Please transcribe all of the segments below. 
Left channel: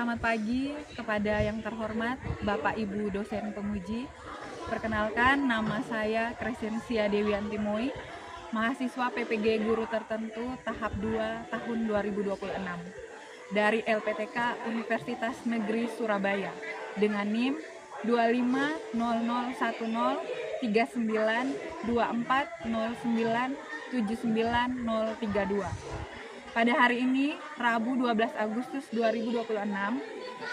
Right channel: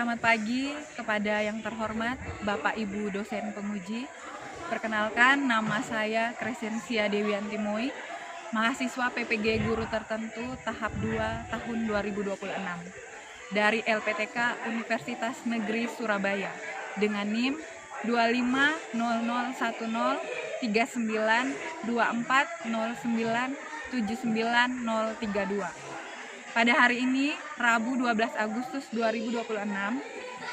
Selamat pagi kepada yang terhormat Bapak Ibu dosen penguji. Perkenalkan, nama saya Crescentia Dewianti Moi, mahasiswa PPG Guru Tertentu tahap 2 tahun 2026 dari LPTK Universitas Negeri Surabaya dengan NIM 2500103924097932. Pada hari ini, Rabu 12 Agustus 2026,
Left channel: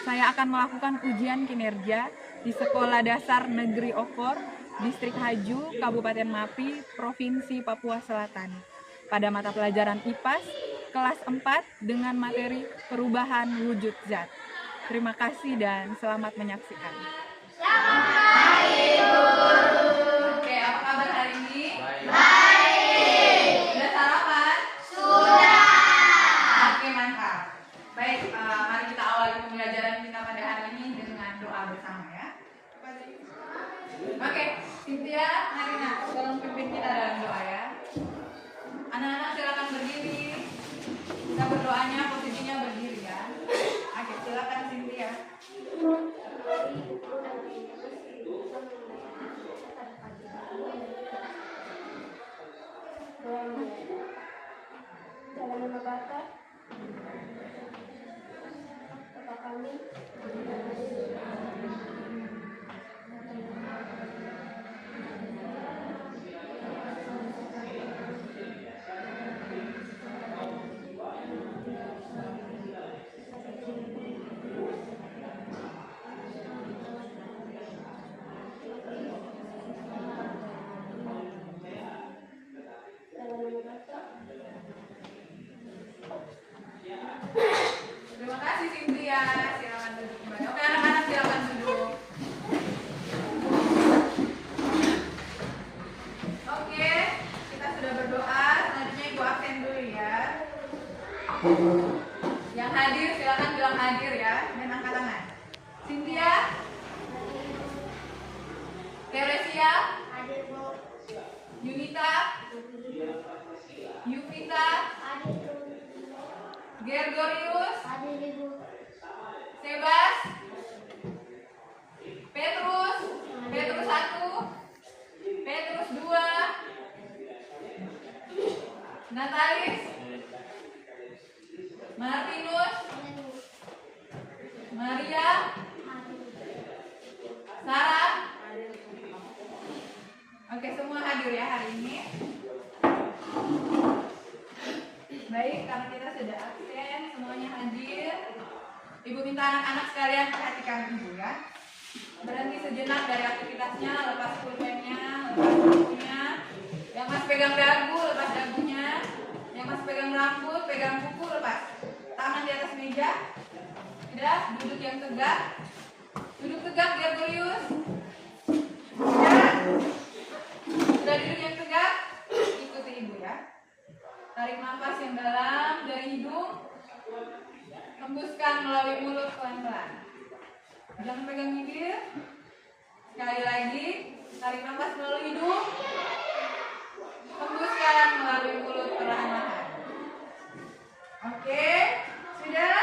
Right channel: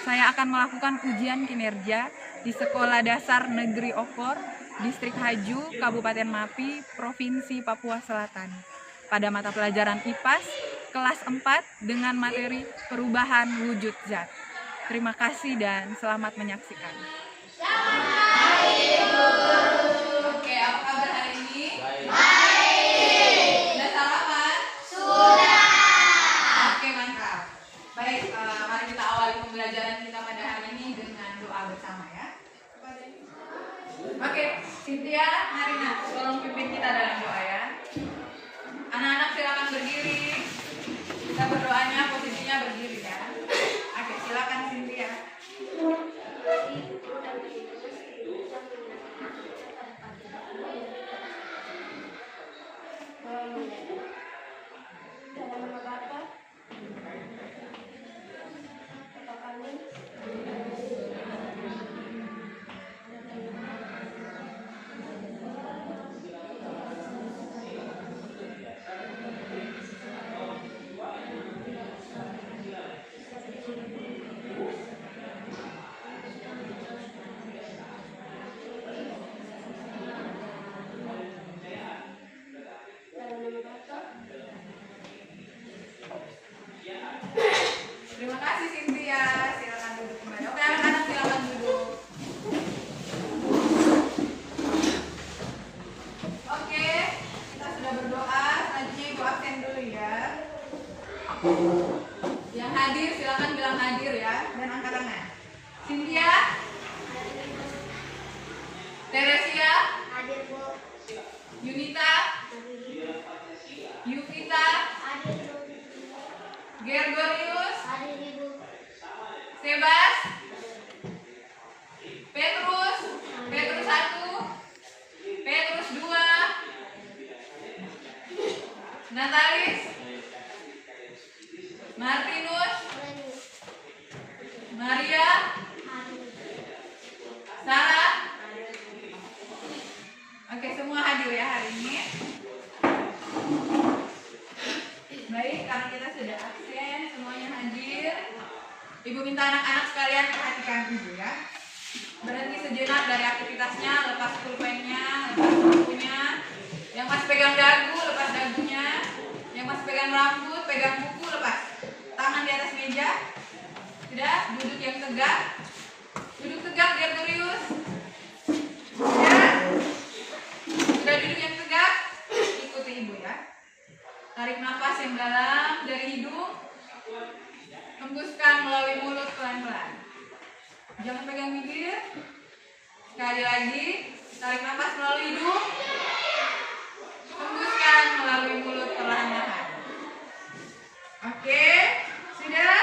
saya akan melakukan ujian kinerja di Sekolah Dasar Negeri Okor, Distrik Haju, Kabupaten Mapi, Provinsi Papua Selatan. Pada mata pelajaran IPAS, kelas 4 dengan materi perubahan wujud zat. Terima kasih dan selamat menyaksikan. Oke, apa kabar hari ini? Baik. Sudah sarapan? Sudah. Oke, mantap. Baik, mari kita awali pembelajaran kita pada hari ini dengan doa bersama ya. Oke, Cynthia, Marina, tolong pimpin kita dalam doa ya. Anak-anak silakan berdiri. Kita berdoanya posisinya berdiri ya. Oke, silakan Cynthia. Dalam nama Bapa, Bapa kami, Terima kasih Cynthia. Silakan duduk kembali. Oke, anak-anak silakan duduk. Oke, kita sudah berdoa. Selanjutnya Ibu absen dulu ya. Yang hadir silakan bilang hadir ya dan angkat tangan. Cynthia, Teresia, hadir Bu, Yunita, Yukita, hadir Bu, Gergorius, hadir Ibu, Sebas, Petrus 1, Petrus 2, Natalis, Martinus, Maria, Sarah. Oke, semua hadir ya hari ini. Baik, karena kita sudah absen, semuanya hadir. Ibu minta anak-anak sekalian perhatikan Ibu ya. Berhenti sejenak dari aktivitasnya, lepas pulpennya, lepas bukunya. Yang masih pegang dagu, lepas dagunya. Yang masih pegang rambut, pegang buku, lepas. Tangan di atas meja. Sudah, duduk yang tegak. Duduk tegak, Gregorius. Ya. Sudah duduk yang tegak, ikuti Ibu ya. Tarik nafas yang dalam dari hidung. Hembuskan melalui mulut pelan-pelan. Jangan pegang bibir. Sekali lagi, tarik nafas melalui hidung. Hembuskan melalui mulut perlahan-lahan. Oke, sudah?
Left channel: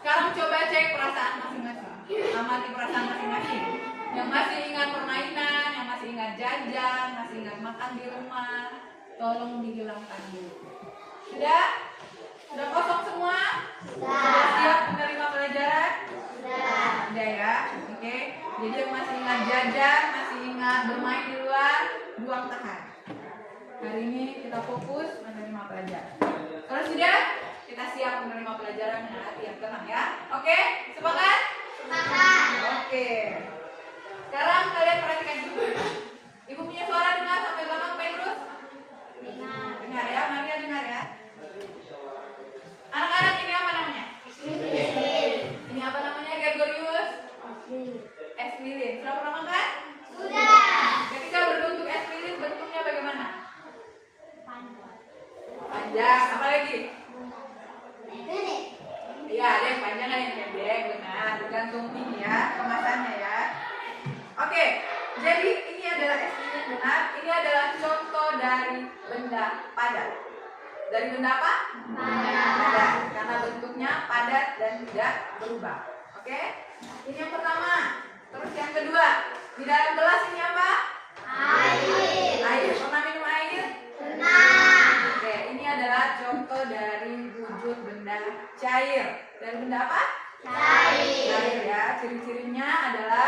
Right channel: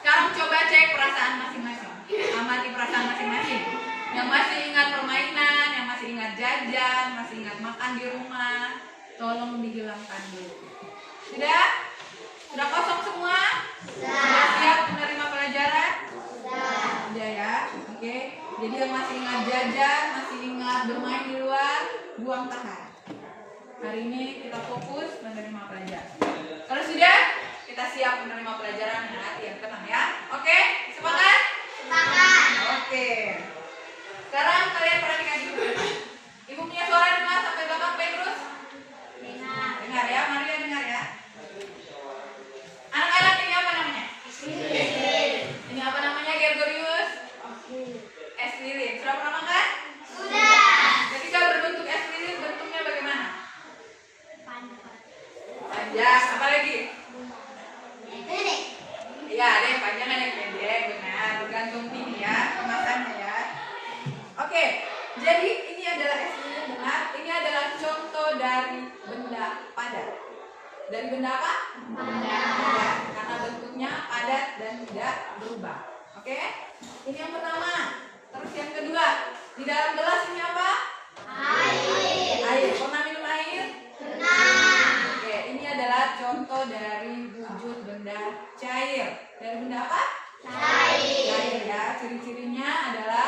Sekarang coba cek perasaan masing-masing. Amati perasaan masing-masing. Yang masih ingat permainan, yang masih ingat jajan, masih ingat makan di rumah, tolong dihilangkan dulu. Sudah? Sudah kosong semua? Sudah siap menerima pelajaran? Sudah ya? Oke. Jadi yang masih ingat jajan, masih ingat bermain di luar, buang tahan. Hari ini kita fokus menerima pelajaran. Kalau sudah, kita siap menerima pelajaran dengan hati yang tenang ya. Oke? Sepakat? Sepakat. Oke. Sekarang kalian perhatikan dulu. Ibu punya suara dengar sampai belakang Petrus? Dengar ya, Maria dengar ya. Anak-anak ini apa namanya? Ini apa namanya, Gergorius? Es lilin. Sudah pernah makan? Sudah. Ketika berbentuk es lilin, bentuknya bagaimana? Panjang. Apa lagi? Iya, ada yang panjang, ada yang pendek. Benar, bergantung ini ya, kemasannya ya. Oke, jadi ini adalah es lilin benar. Ini adalah contoh dari benda padat. Dari benda apa? Padat. Karena bentuknya padat dan tidak berubah. Oke? Ini yang pertama. Terus yang kedua, di dalam gelas ini apa? Air. Pernah minum air? Oke, ini adalah contoh dari wujud benda cair. Dari benda apa? Cair ya. Ciri-cirinya adalah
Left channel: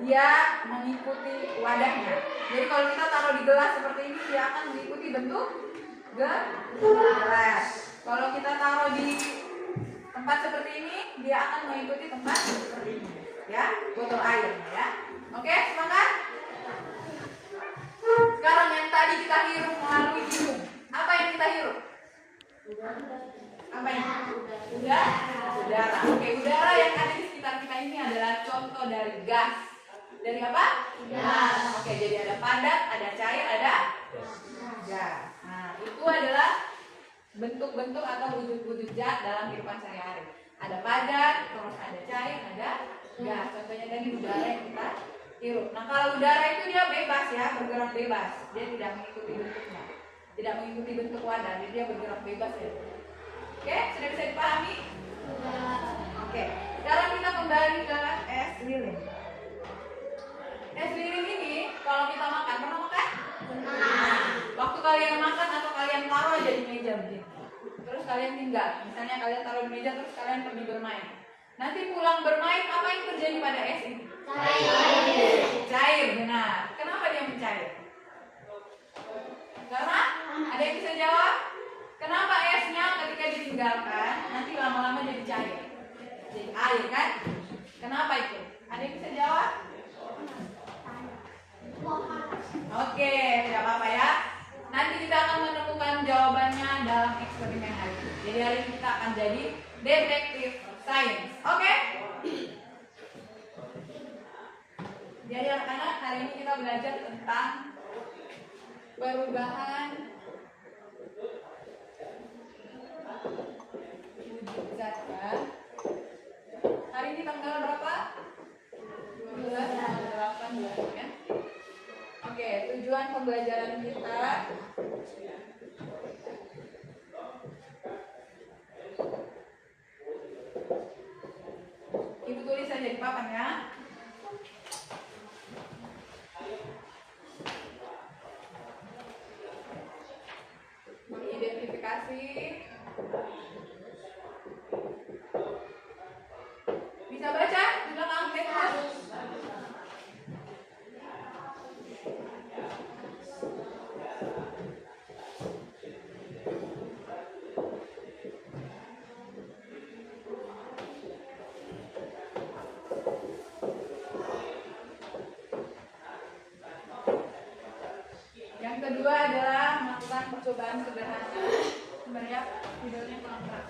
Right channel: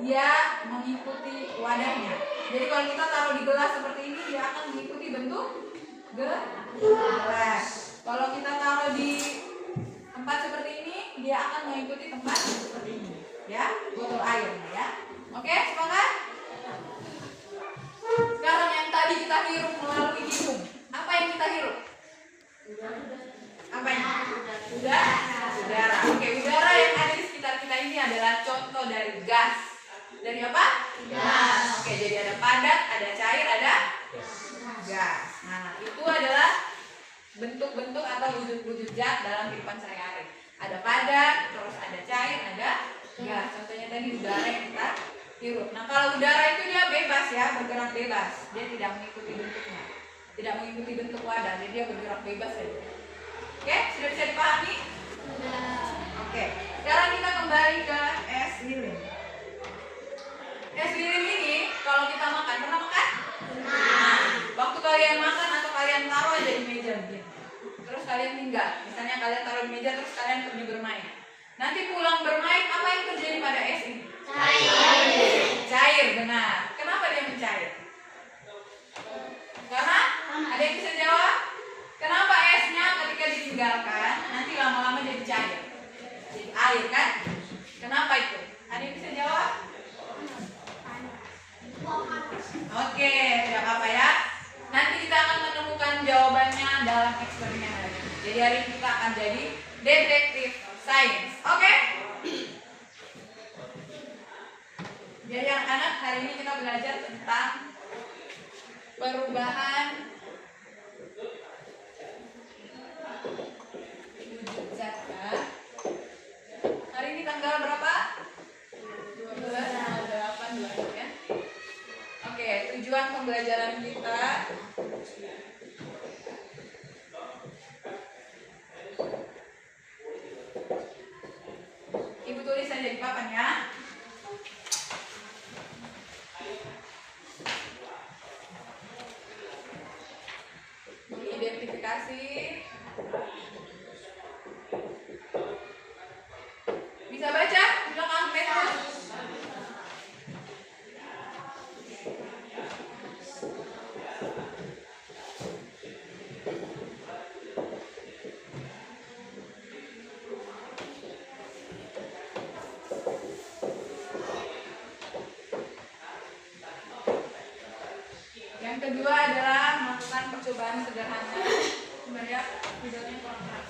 dia mengikuti wadahnya. Jadi kalau kita taruh di gelas seperti ini, dia akan mengikuti bentuk gelas. Kalau kita taruh di tempat seperti ini, dia akan mengikuti tempat seperti ini. Ya, botol air ya. Oke, semangat. Sekarang yang tadi kita hirup melalui hidung. Apa yang kita hirup? Apa yang? Udara. Oke, udara yang ada di sekitar kita ini adalah contoh dari gas. Dari apa? Gas. Oke, jadi ada padat, ada cair, ada gas. Nah, itu adalah bentuk-bentuk atau wujud-wujud zat dalam kehidupan sehari-hari. Ada padat, terus ada cair, ada gas. Contohnya tadi udara yang kita hirup. Nah, kalau udara itu dia bebas ya, bergerak bebas. Dia tidak mengikuti bentuknya, tidak mengikuti bentuk wadah, jadi dia bergerak bebas ya. Oke, sudah bisa dipahami? Oke, sekarang kita kembali ke es lilin. Es lilin ini kalau kita makan, pernah makan? Nah, waktu kalian makan atau kalian taruh aja di meja begini, terus kalian tinggal, misalnya kalian taruh di meja terus kalian pergi bermain. Nanti pulang bermain, apa yang terjadi pada es ini? Cair, benar. Kenapa dia mencair? Karena ada yang bisa jawab? Kenapa esnya ketika ditinggalkan nanti lama-lama jadi cair? Jadi air kan? Kenapa itu? Ada yang bisa jawab? Oke, tidak apa-apa ya. Nanti kita akan menemukan jawabannya dalam eksperimen hari ini. Jadi hari ini kita akan jadi detektif sains. Oke? Jadi anak-anak, hari ini kita belajar tentang perubahan wujud zat kan? Hari ini tanggal berapa? 12/8/2000 ya. Oke, tujuan pembelajaran kita Ibu tulis saja di papan ya. Mengidentifikasi, bisa baca di belakang Petrus. Yang kedua adalah melakukan percobaan sederhana. Sebenarnya videonya kurang keras.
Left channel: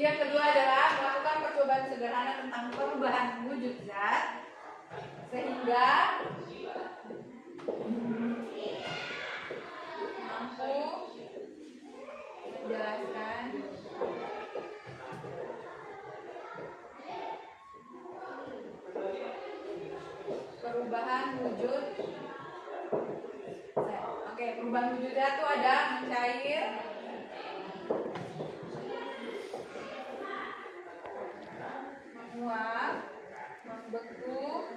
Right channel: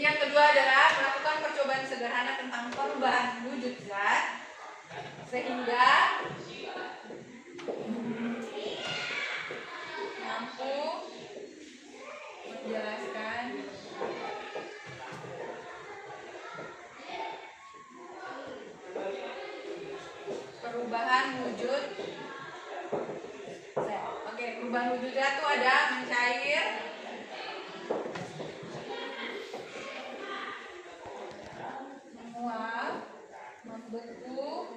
Yang kedua adalah melakukan percobaan sederhana tentang perubahan wujud zat sehingga mampu menjelaskan perubahan wujud zat. Oke, perubahan wujud zat itu ada mencair, menguap, membeku,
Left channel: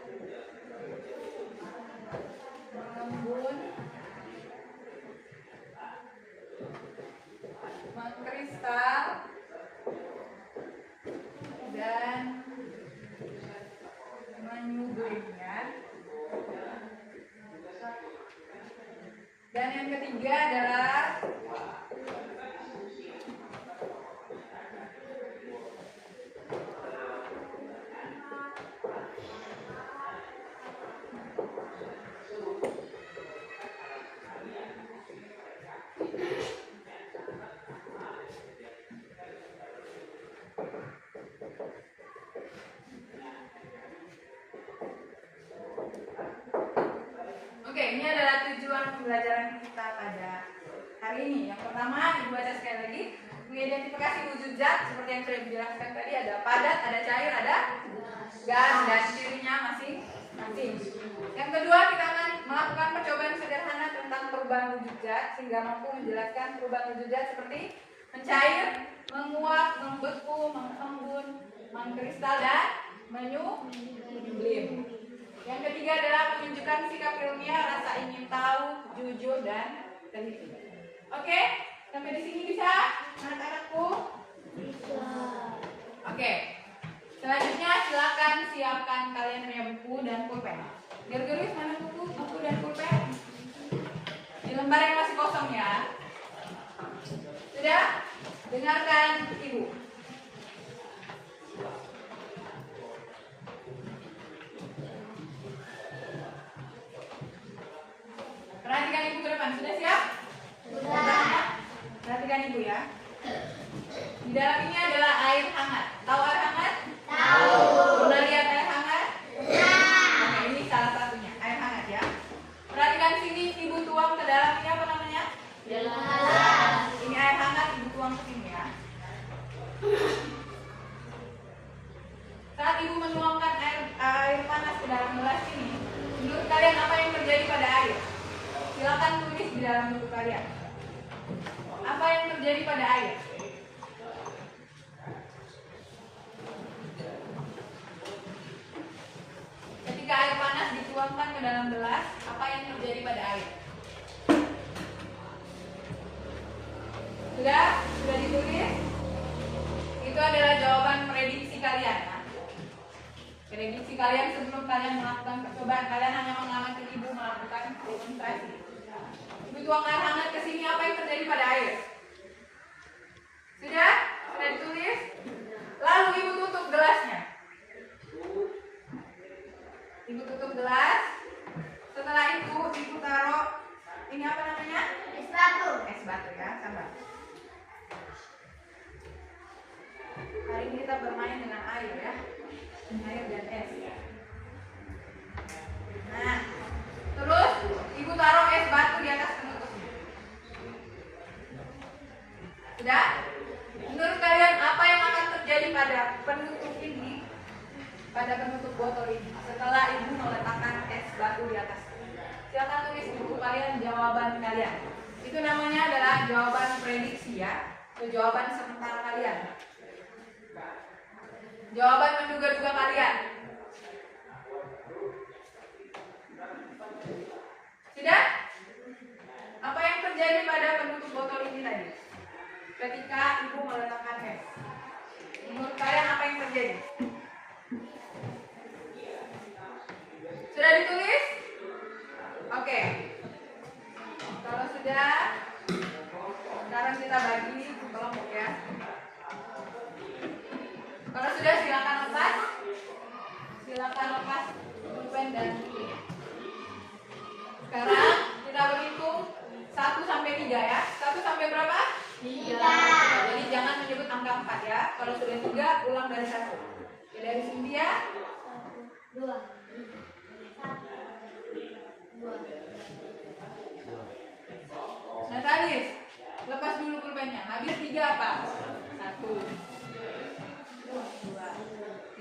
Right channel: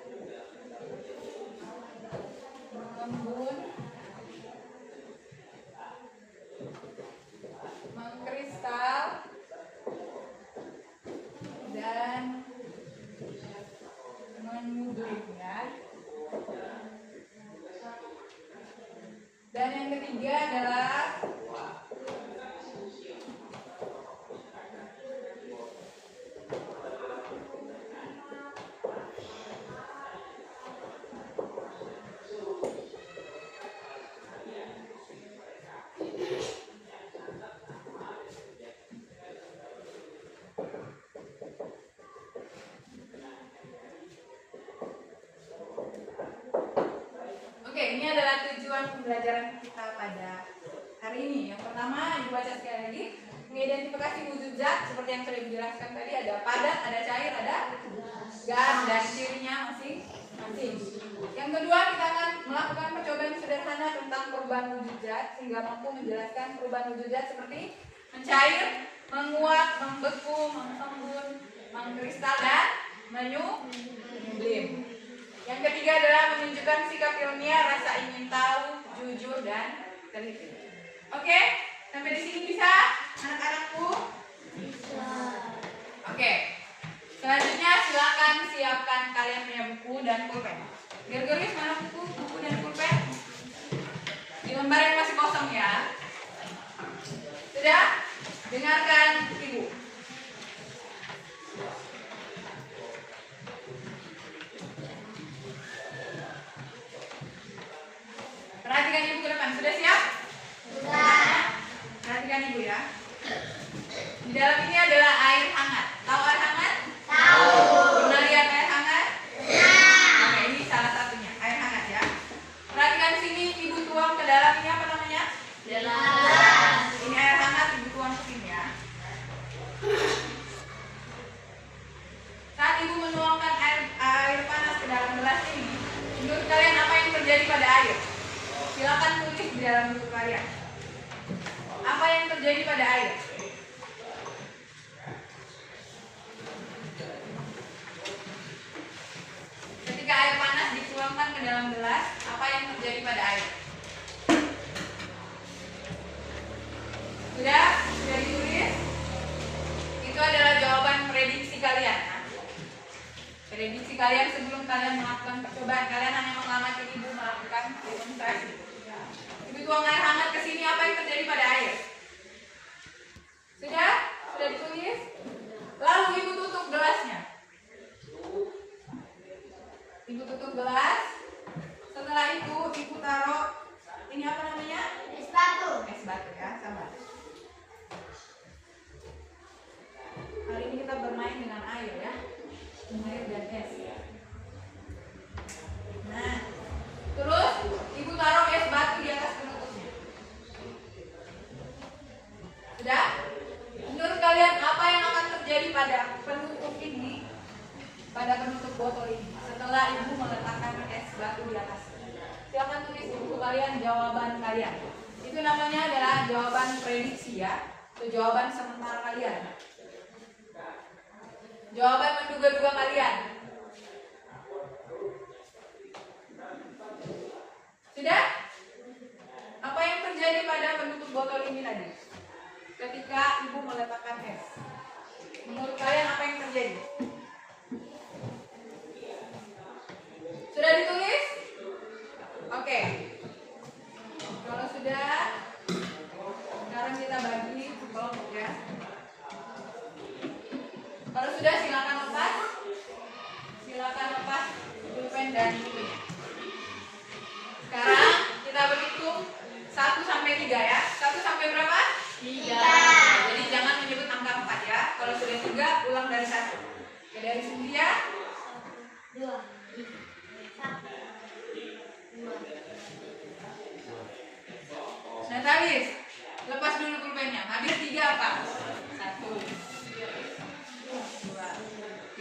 mengembun, mengkristal, dan menyublim ya. Dan yang ketiga adalah ini adalah tujuan pembelajaran kita pada hari ini. Yang pertama, Ibu baca sekali lagi. Mengidentifikasi wujud zat seperti yang sudah dijelaskan tadi, ada padat, ada cair, ada gas, dan cirinya masing-masing. Yang kedua, kita akan melakukan percobaan sederhana tentang perubahan wujud zat sehingga mampu menjelaskan perubahan wujud zat seperti mencair, menguap, membeku, mengembun, mengkristal, dan menyublim. Yang ketiga adalah menunjukkan sikap ilmiah, rasa ingin tahu, jujur, dan teliti. Oke, sampai di sini bisa anak-anakku? Bisa. Oke. Selanjutnya silakan siapkan kalian punya buku dan pulpen. Gergeris mana buku dan pulpen? Di lembar yang masih kosong ya. Sudah? Dengarkan Ibu. Perhatikan Ibu ke depan. Sudah siap? Sudah. Perhatikan Ibu ya. Di dalam ini adalah air hangat. Tahu air hangat? Tahu. Pernah lihat air hangat? Nah. Oke, ini salah satunya, air hangat ya. Perhatikan sini, Ibu tuang ke dalam ini apa namanya? Gelas. Ini air hangat, Ibu tuang ke sini ya. Saat Ibu menuangkan air panas ke dalam gelas ini, menurut kalian apa yang terjadi pada air? Silakan tulis di dalam buku kalian. Apa yang terjadi pada air? Ketika air panas dituangkan ke dalam gelas, apa yang terjadi pada air? Sudah ditulis? Itu adalah jawaban prediksi kalian. Prediksi kalian sebelum kalian melakukan percobaan. Kalian hanya mengamati Ibu melakukan demonstrasi. Ibu tuang air hangat ke sini, apa yang terjadi pada air? Sudah ditulis? Lalu Ibu tutup gelasnya. Ibu tutup gelas. Setelah itu Ibu taruh ini apa namanya? Es batu. Es batu ya, sabar. Hari ini kita bermain dengan air ya. Air dan es. Nah, terus Ibu taruh es batu di atas penutupnya. Sudah? Menurut kalian apa yang akan terjadi pada penutup ini? Pada penutup botol ini setelah Ibu meletakkan es batu di atas. Silakan tulis di buku kalian jawaban kalian. Itu namanya adalah jawaban prediksi ya. Itu jawaban sementara kalian. Jawaban menduga-duga kalian. Sudah? Apa yang terjadi pada penutup botol ini tadi? Ketika Ibu meletakkan es. Menurut kalian apa yang terjadi? Sudah ditulis? Oke. Kalau sudah, sekarang kita bagi kelompok ya. Kalau sudah silakan lepas. Silakan lepas pulpen dan bukunya. Sekarang kita berhitung 1 sampai 3 ya. 1 sampai berapa? 3. Jadi jangan menyebut angka 4 ya. Kalau sudah 3, ulang dari 1. Oke, dari sini ya. 1, 2, 3. Natalis, lepas dulu pulpennya. Habis 3 apa? 1, 2,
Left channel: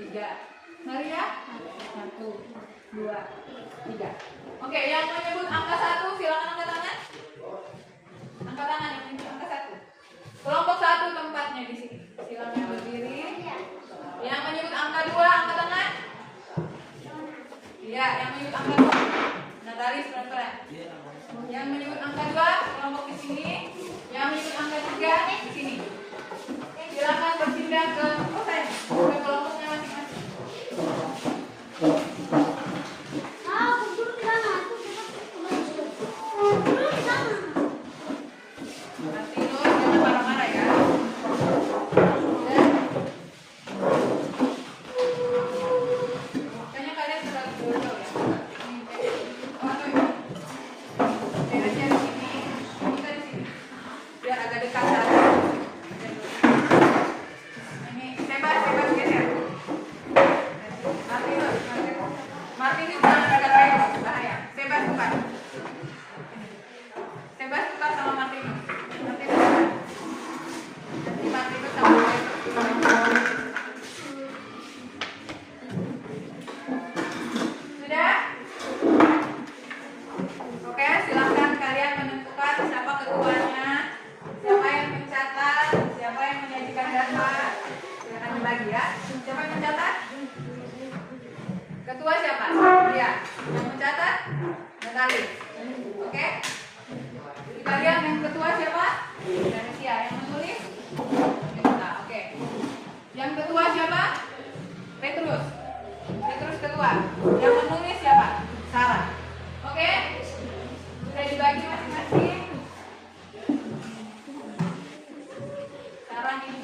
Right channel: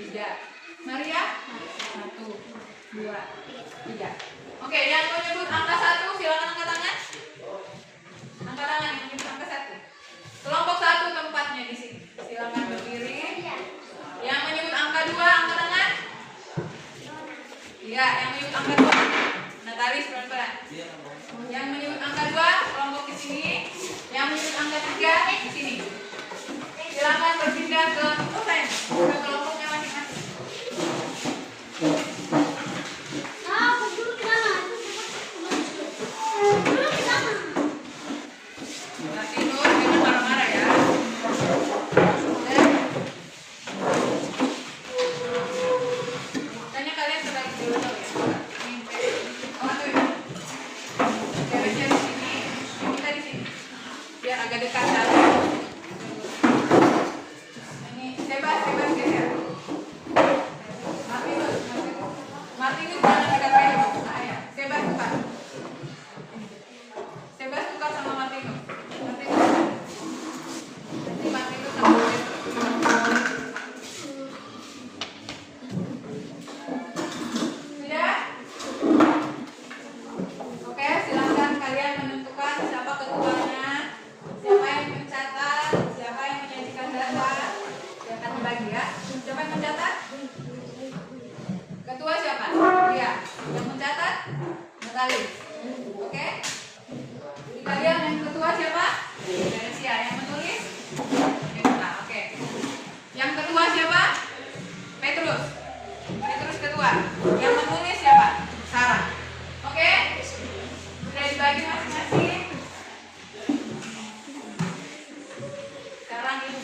3. Maria? 1, 2, 3. Oke, yang mau nyebut angka 1 silakan angkat tangan. Angkat tangan yang menyebut angka 1. Kelompok 1 tempatnya di sini. Silakan berdiri. Yang menyebut angka 2 angkat tangan. Iya, yang menyebut angka 2. Natalis pelan-pelan. Yang menyebut angka 2 kelompok di sini. Yang menyebut angka 3 di sini. Silakan berpindah ke kelompoknya masing-masing. Martinus jangan marah-marah ya. Kayaknya kalian terbagi dulu ya. Beresnya di sini, kita di sini. Biar agak dekat sana. Ini bebas geser. Martinus jangan dekat lagi, bahaya. Bebas bukan.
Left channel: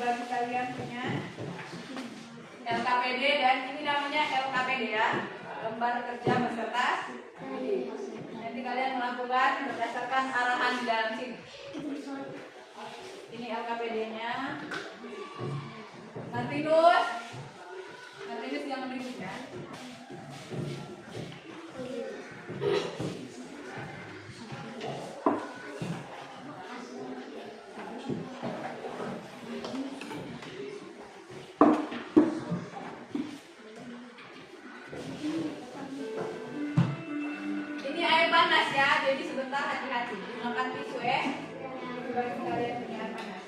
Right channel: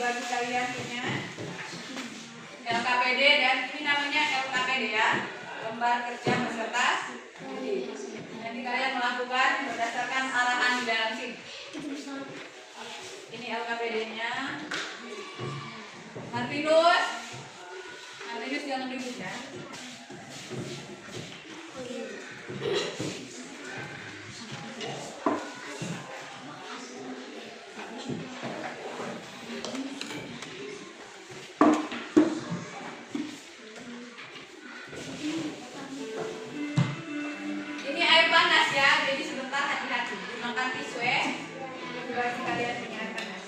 bagi kalian punya LKPD, dan ini namanya LKPD ya, lembar kerja peserta didik. Nanti kalian melakukan berdasarkan arahan di dalam sini. Ini LKPD-nya. Martinus jangan ribut ya. Ini air panas ya, jadi sebentar hati-hati. Gunakan tisu ya. Bagi kalian punya air panas.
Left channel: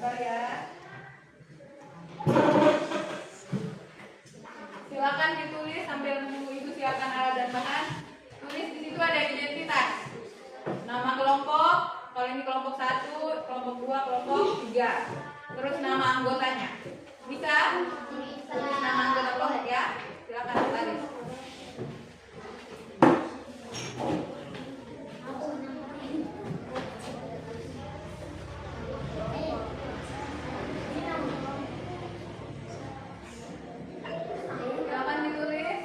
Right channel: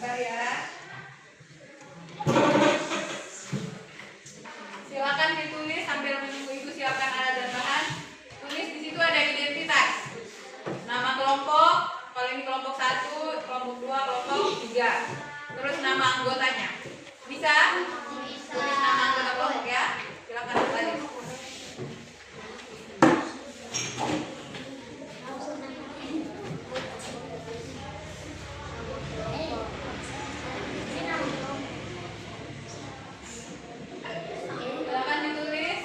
Sabar ya. Silakan ditulis sambil menunggu ibu siapkan alat dan bahan. Tulis di situ ada identitas. Nama kelompok, kalau ini kelompok 1, kelompok 2, kelompok 3. Terus nama anggotanya. Bisa? Bisa. Tulis nama anggota kelompok ya. Silakan tulis. Silakan ditulis.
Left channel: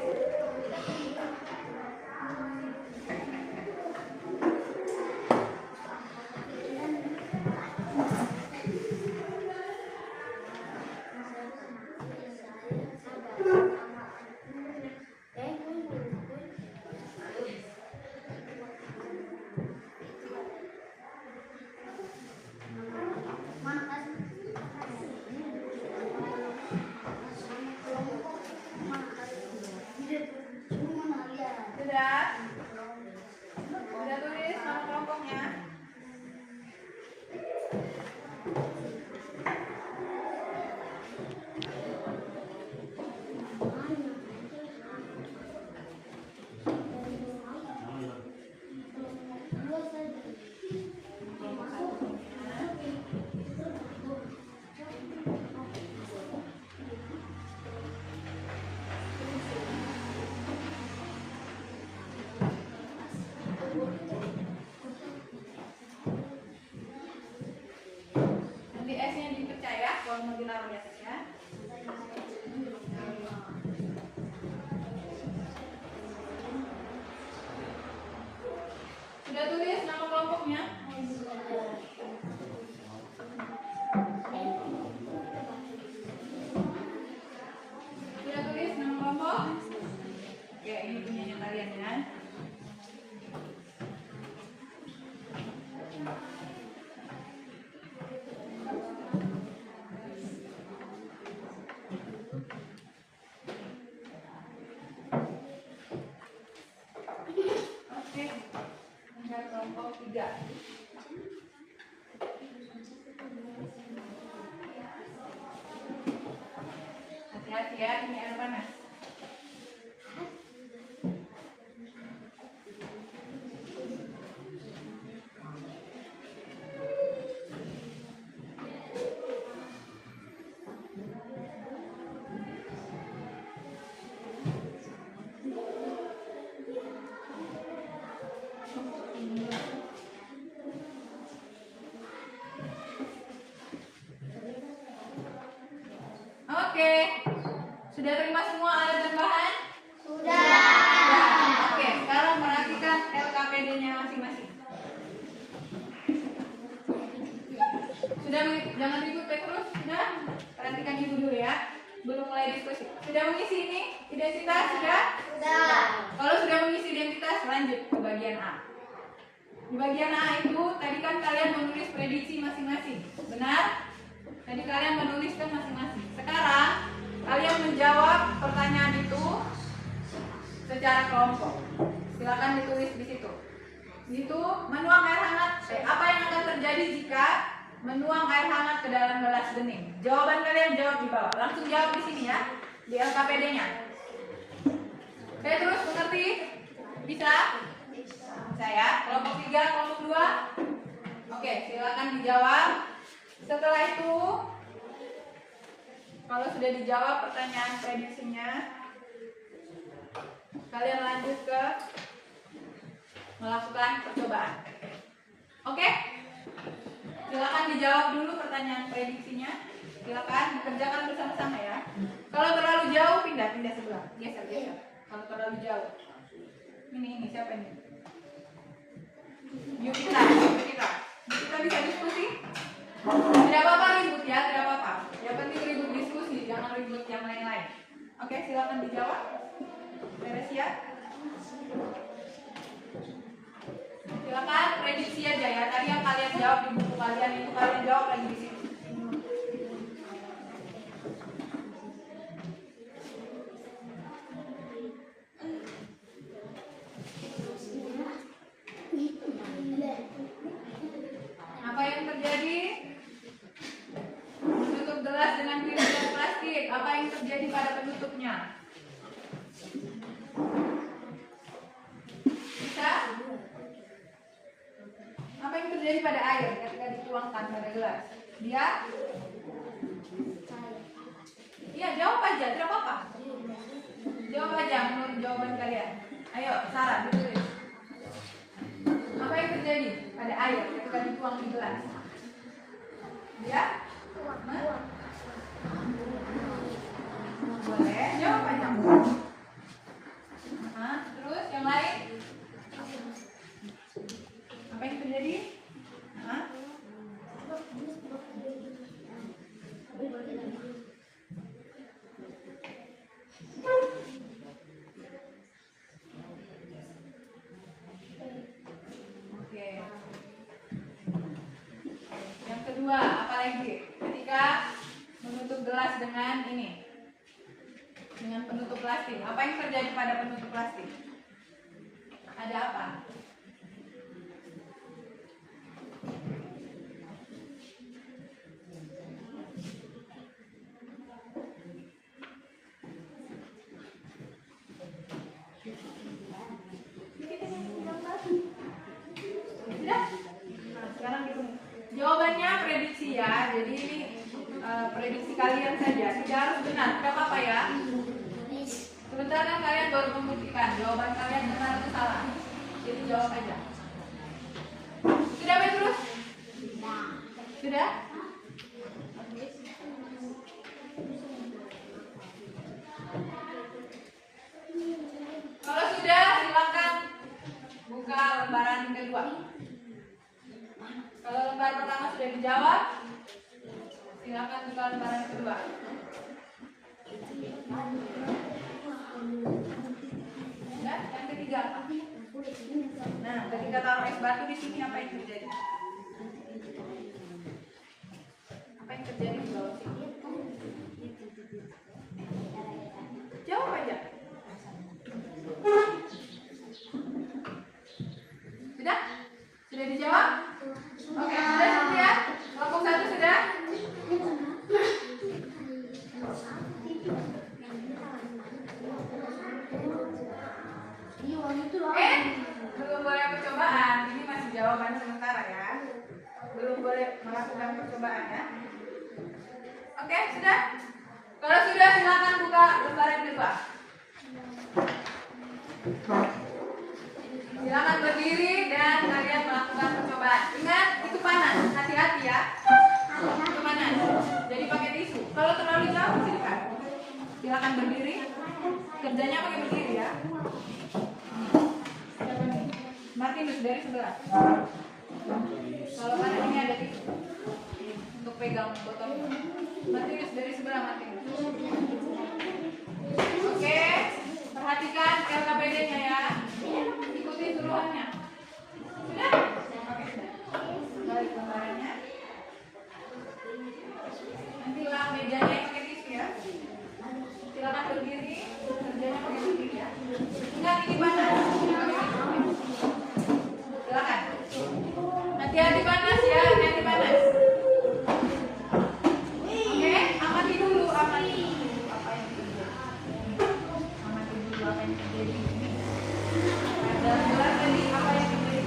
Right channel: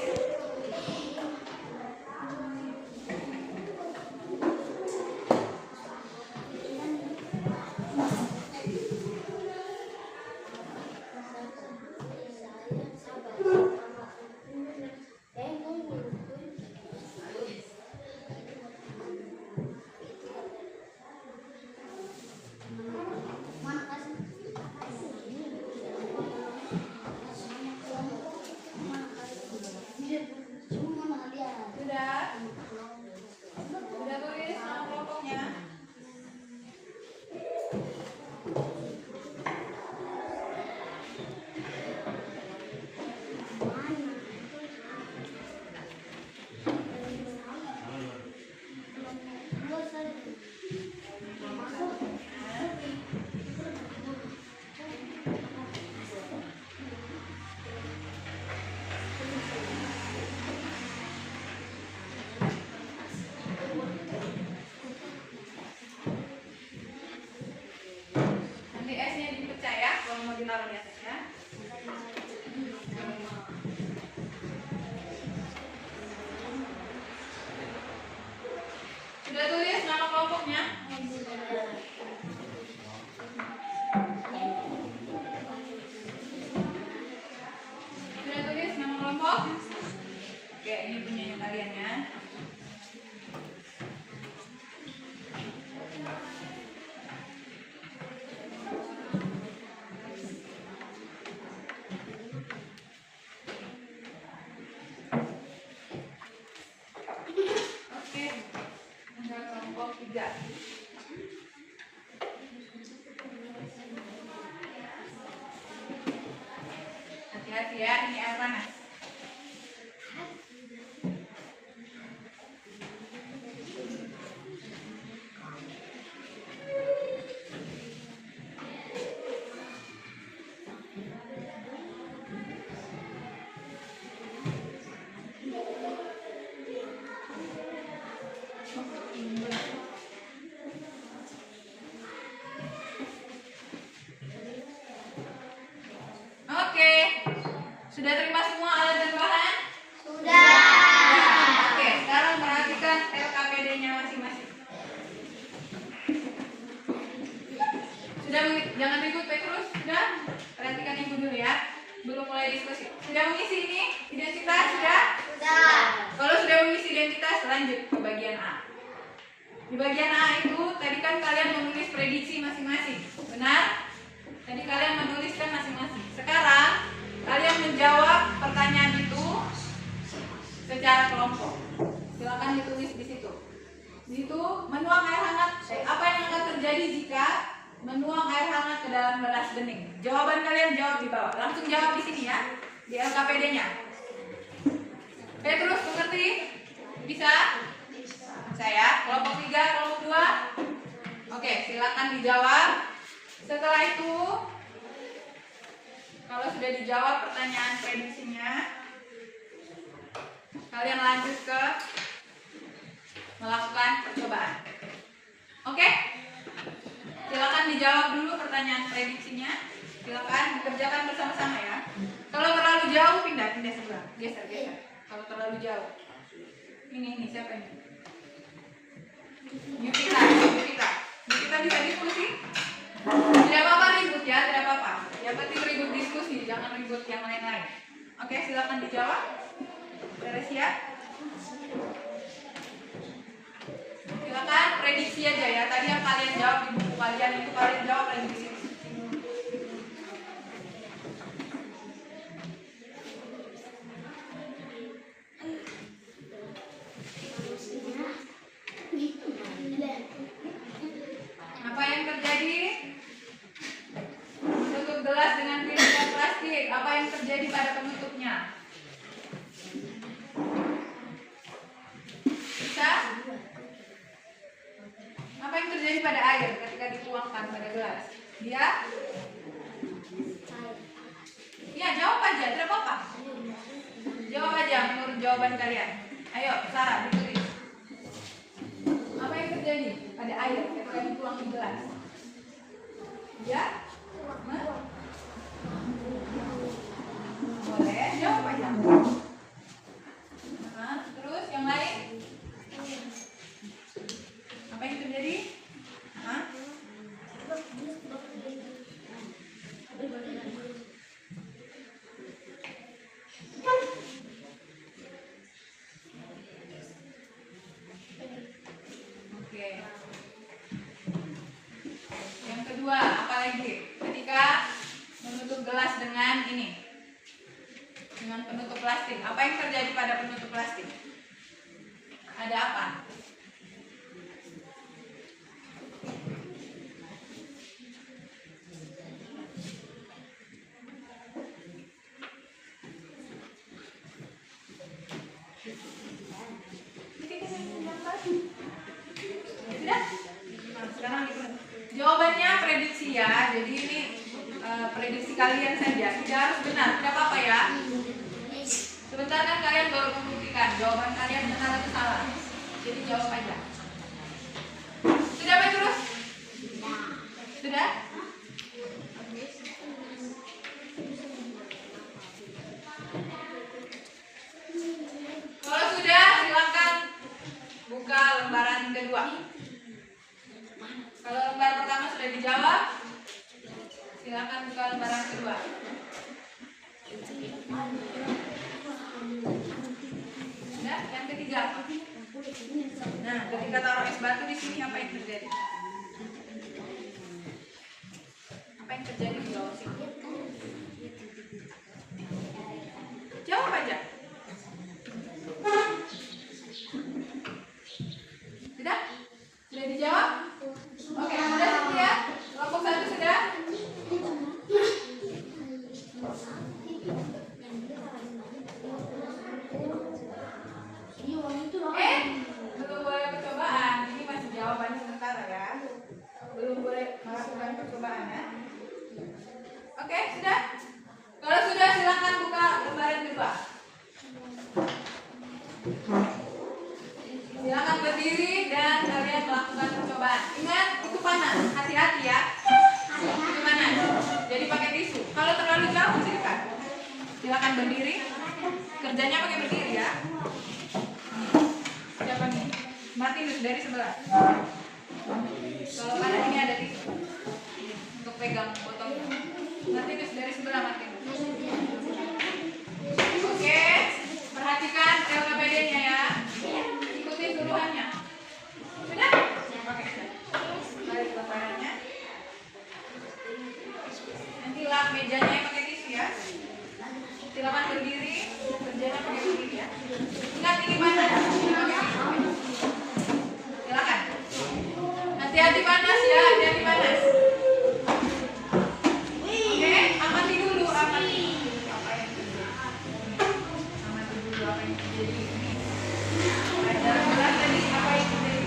Sudah? Sudah tulis nama kelompoknya? Nanti S-nya dipecah ya, kalau mau ditaruh di atasnya. Sudah tulis nama kelompoknya? Sudah tulis nama kelompok? Oke, ini punyanya kalian ya. Oke, tinggal kelompok 3. Hati-hati ya, ini air panas. Oke, sudah terima semua alat dan bahan? Sudah. Oke, sekarang perhatikan LKPD-nya masing-masing. Sudah, jangan ribut Petrus. Sudah? Perhatikan ibu dulu ya. Belum mulai diskusi. Sudah mengisi ini? Identitas? Sudah? Sudah. Kalau sudah mengisi identitas, lanjut ke bagian A. Di bagian A itu, tadi kan kalian menulis prediksi masing-masing. Benar? Tadi kalian menuliskan masing-masing. Sekarang, kalian menjawab pertanyaan itu secara kelompok. Silakan ditulis di situ. Di situ, menuang air hangat. Apa yang akan terjadi jika menuang air hangat ke dalam gelas bening? Jawaban kalian jawab di bawah. Langsung jawab di sini ya, di LKPD-nya. Petrus, mengerti? Bisa? Bisa. Bisa ya? Kelompok 3, kelompok 2. Oke, silakan dijawab. Setelah itu, kalau sudah dijawab pertanyaan prediksinya, kalian lanjut ke melakukan percobaan. Oke? Silakan dijawab dulu pertanyaan prediksinya. Silakan dikerjakan bersama-sama ya. Kalau terlalu jauh pindah sebelah. Geser. Kalau terlalu jauh. Ini siapa ini? Yukita bisa diskusi? Tidak apa-apa ribut ya, tidak apa-apa. Yang penting ribut diskusi, jangan ribut yang lain-lain. Oke, silakan dijawab. Teresia. Silakan prediksi aja ya. Tadi yang kalian jawab di buku kalian itu kalian jawab lagi di sini. Apa yang terjadi? Menutup gelas dengan film plastik. Apa yang terjadi pada penutupnya? Bisa? Apa yang terjadi pada air ketika dituangkan pada gelas? Dia? Iya, jawab aja, tidak apa-apa. Jawab aja menurut jawaban kalian. Ayo, Sarah, ditulis. Apa yang terjadi pada air ketika dituang di gelas? Ya? Boleh, jawab aja. Terus yang lain? Apa yang terjadi? Oke. Yang kedua, apa lagi? Ketika menutup gelas dengan ini, dengan penutup plastik, apa yang terjadi pada penutup plastik? Ada apa? Sekarang jawabannya prediksi ya. Jadi ini prediksi kalian saja, tidak harus benar, tidak apa-apa ya. Sebentar kan kalian baru membuktikan jawaban kalian benar atau salah. Jadi jawab aja. Sudah Petrus? Sudah? Kalau sudah silakan buka lembaran kedua. Kalau lembar pertama sudah dijawab, silakan buka lembaran kedua. Sudah, yang ketiga. Nah, ketika taruh es batu di sini apa yang terjadi? Apa yang terjadi di bawah sini? Jawab aja. Sudah? Sudah dijawab? Oke, sudah ya? Kelompok 1 sudah? Belum boleh percobaan. Ini masih jawabannya sementara ya. Belum boleh melakukan percobaan ya. Oke, sudah? Kalau sudah silakan buka lembaran kedua. Silakan berdiri dan kalian melakukan percobaan. Ingat, itu panas. Hati-hati ya. Itu panas. Jadi pakai tisu. Kalau terlalu jauh silakan berdiri. Kerjanya pakai berdiri ya. Siapa nih? Martinus dari sebelah. Kalau panas ini ada tisu untuk pegang botolnya. Martinus dari sebelah, Martinus. Oke, perhatikan LKPD-nya ya. Ikuti suruhannya. Sudah? Oke, sudah. Balik lembarannya. Nanti lap mejanya pakai tisu ya. Silakan berdiri. Kerjanya pakai berdiri ya. Ingat ini panas. Ini pakai tisu. Silakan. Hati-hati panas ya. Hati-hati panas. Oke, amati dulu. Amati apa yang terjadi. Amati dulu apa yang terjadi. Ini. Ada gelas tadi apa yang terjadi.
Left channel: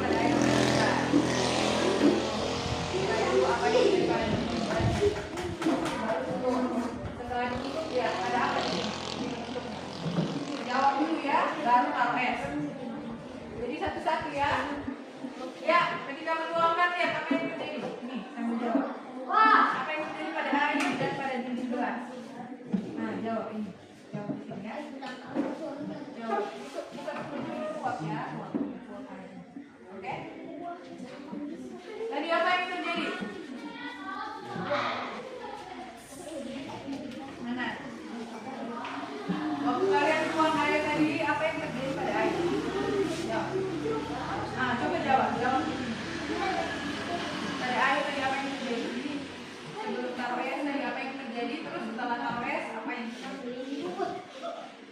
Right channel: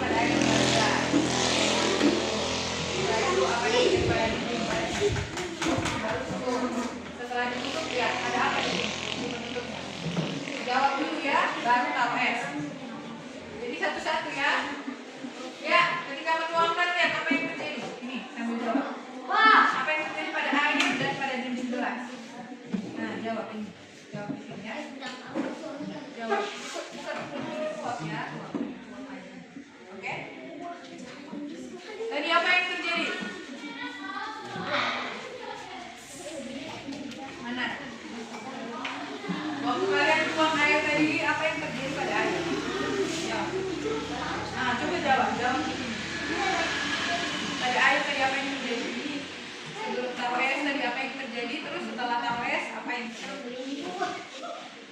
satu-satu ya. Ya, ketika menuangkan lihat apa yang terjadi. Ini sambil jawab. Apa yang terjadi pada air dan pada dinding gelas? Nah, jawab ini. Jawab di sini ya. Jawab. Bukan uap ya, uap air. Oke? Tadi apa yang terjadi? Mana? Waktu kalian tuang air tadi, apa yang terjadi pada air? Jawab. Nah, coba jawab di sini. Pada air tadi apa yang terjadi? Sebelum taruh es tadi apa yang terjadi? Terus setelah taruh es apa yang terjadi?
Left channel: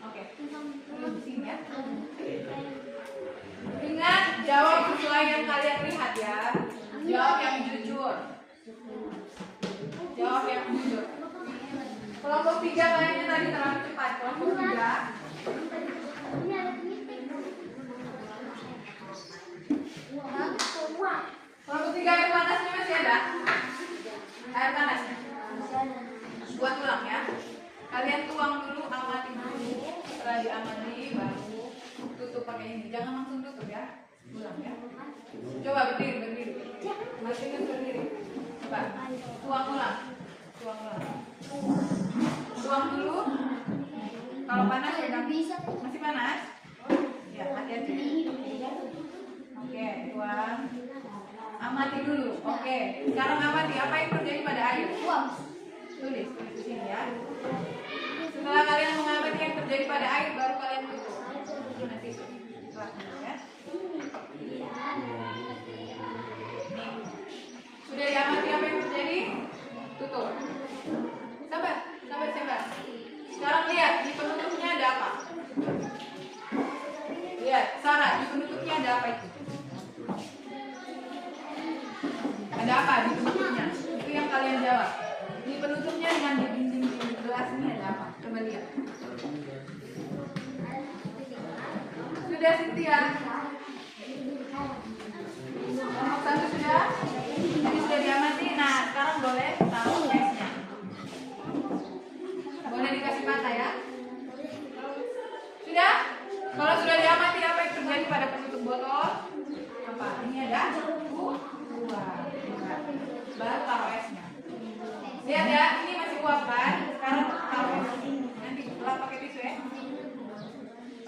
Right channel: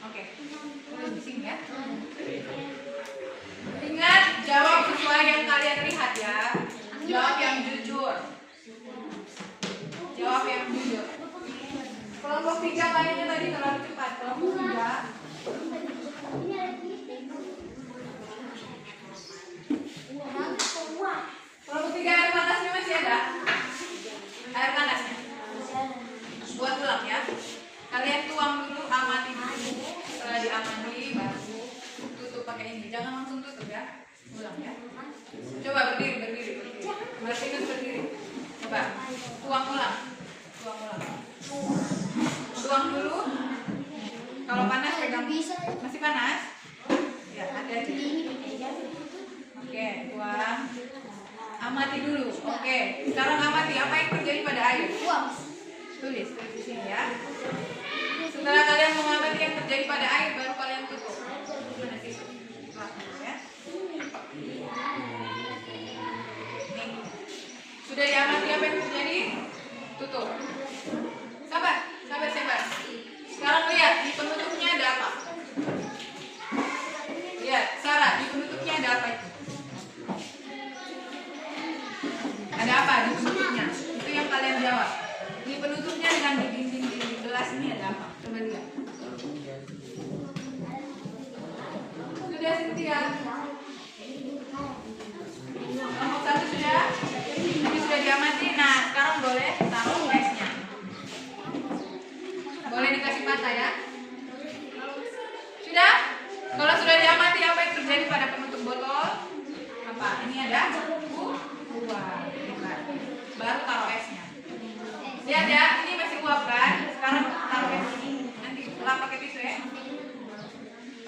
Oke, terus di sini ya. Ingat, jawab sesuai yang kalian lihat ya. Jawab yang jujur. Jawab yang jujur. Kelompok 3 kayaknya tadi terlalu cepat. Kelompok 3. Kelompok 3 air panasnya masih ada? Air panasnya. Buat ulang ya. Kalian tuang dulu, amati dulu. Setelah diamati baru tutup pakai ini. Jangan langsung tutup ya. Ulang ya. Coba berdiri. Martinus berdiri. Coba tuang ulang. Tuang dulu. Kalau panas pegang. Masih panas? Ya, hati-hati. Oke, tuang. Amati dulu. Oke, sekarang amati apa yang terjadi pada air. Tulis di sini ya. Setelah kalian mengamati yang terjadi pada air, baru kalian tutup. Mana tisu? Ya. Nih. Sudah diamati apa yang terjadi? Tutup. Sabar. Sekarang lihat di penutupnya ada apa? Lihat, Sarah, di penutupnya ada apa itu? Ada apa di penutupnya? Itu yang kalian jawab. Di penutupnya dengan di dinding gelas ini ada apa? Coba lihat. Sudah, Cynthia? Kelompok 1 sudah? Jadi sudah diamati. Nah, sekarang boleh taruh esnya. Boleh dikasih patah ya? Sudah? Kalau sudah diamati apa yang terjadi pada penutup botol? Apa? Ini ada uap. Baru taruh esnya. Lihat ya, ini masih uap kan? Sekarang taruh es. Nanti lap pakai tisu ya.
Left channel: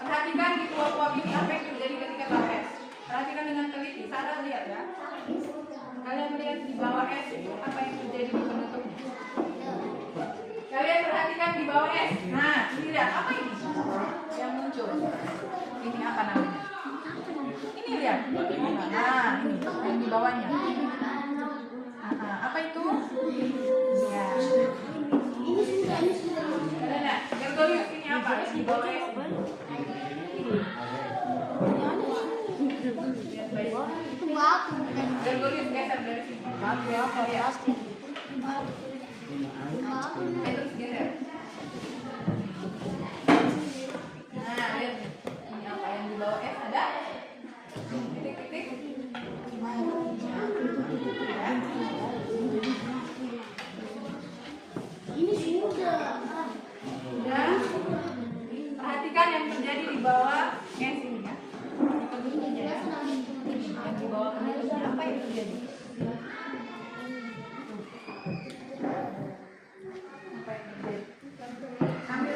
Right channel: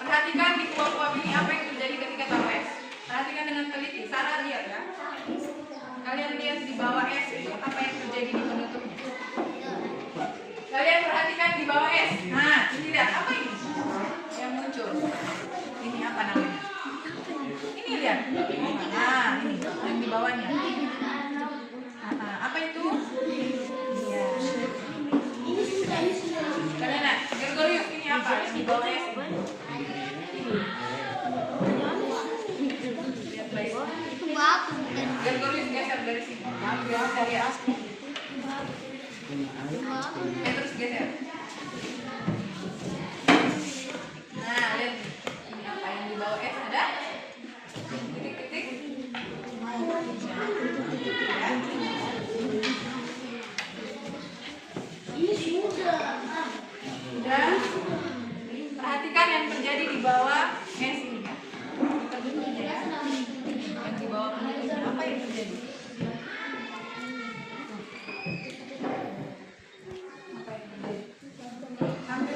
Perhatikan di uap-uap ini apa yang terjadi ketika taruh es. Perhatikan dengan teliti. Sarah lihat ya. Kalian lihat di bawah es itu apa yang terjadi di penutupnya. Kalian perhatikan di bawah es. Nah, ini lihat apa ini yang muncul. Ini apa namanya? Ini lihat. Nah, ini yang di bawahnya. Apa itu? Ya. Kalian lihat. Gregorius ini apa? Yang di bawah es. Lihat baik. Gregorius geser dari sini. Lihat. Terus geser. Nah, lihat nih. Ini apa yang di bawah es ada? Titik-titik. Ya. Sudah. Perhatikan yang terjadi di bawah es ini ya. Penutupnya ya. Yang di bawah penutupnya apa yang terjadi? Apa yang terjadi? Sambil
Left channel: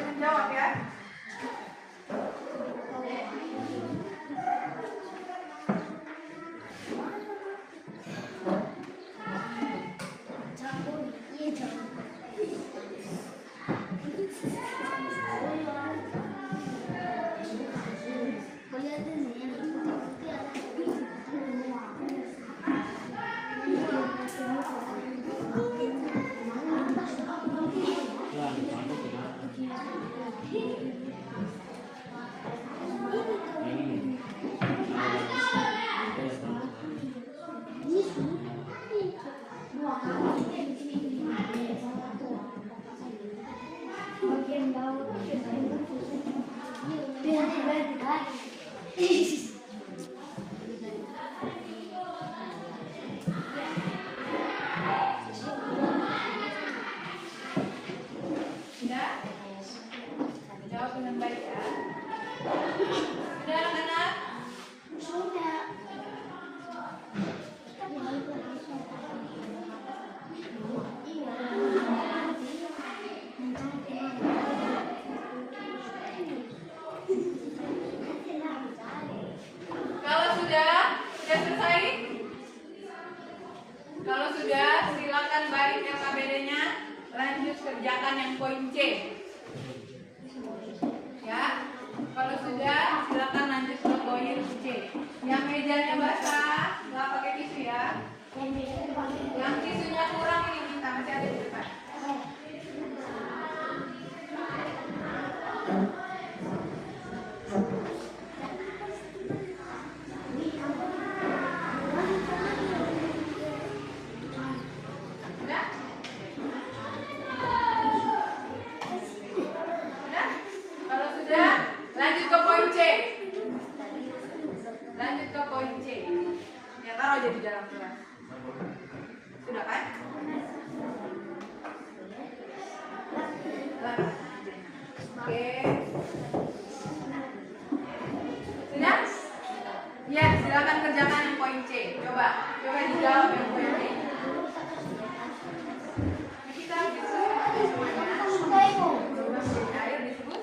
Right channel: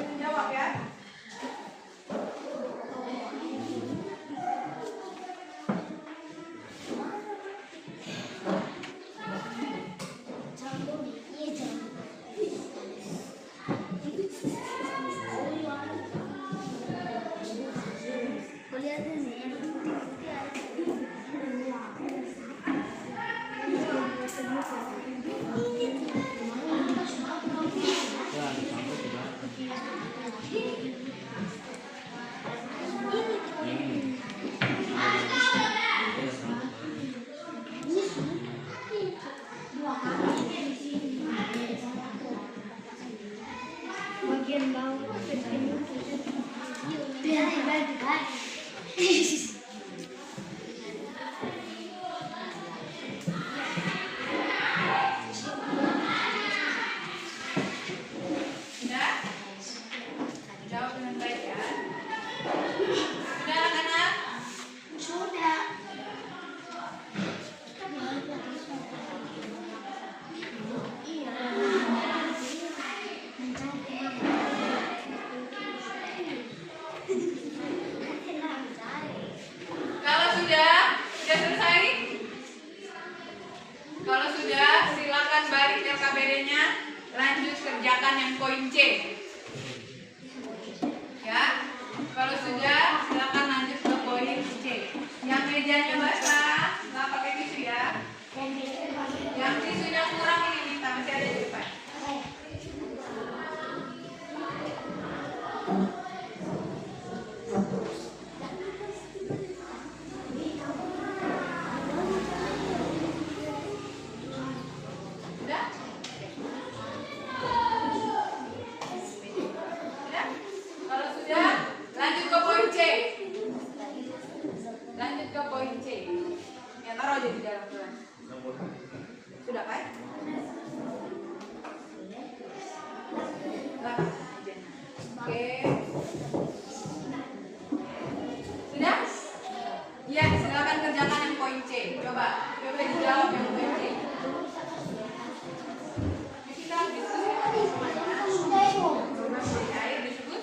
silakan balik LKPD-nya. Lanjut kerjakan yang poin C. Ya, kalau sudah silakan lanjut ke poin C. Yang mejanya basah, nggak pakai tisu ya. Yang tisunya kurang ini minta, masih ada di depan. Lanjut ke poin C. Ya, taruh aja di dalam kelas. Sudah kan? Oke. Sudah? Ya, silakan kerjakan yang poin C. Coba dijawab yang poin C. Kita diskusikan semuanya. Ayo disebut.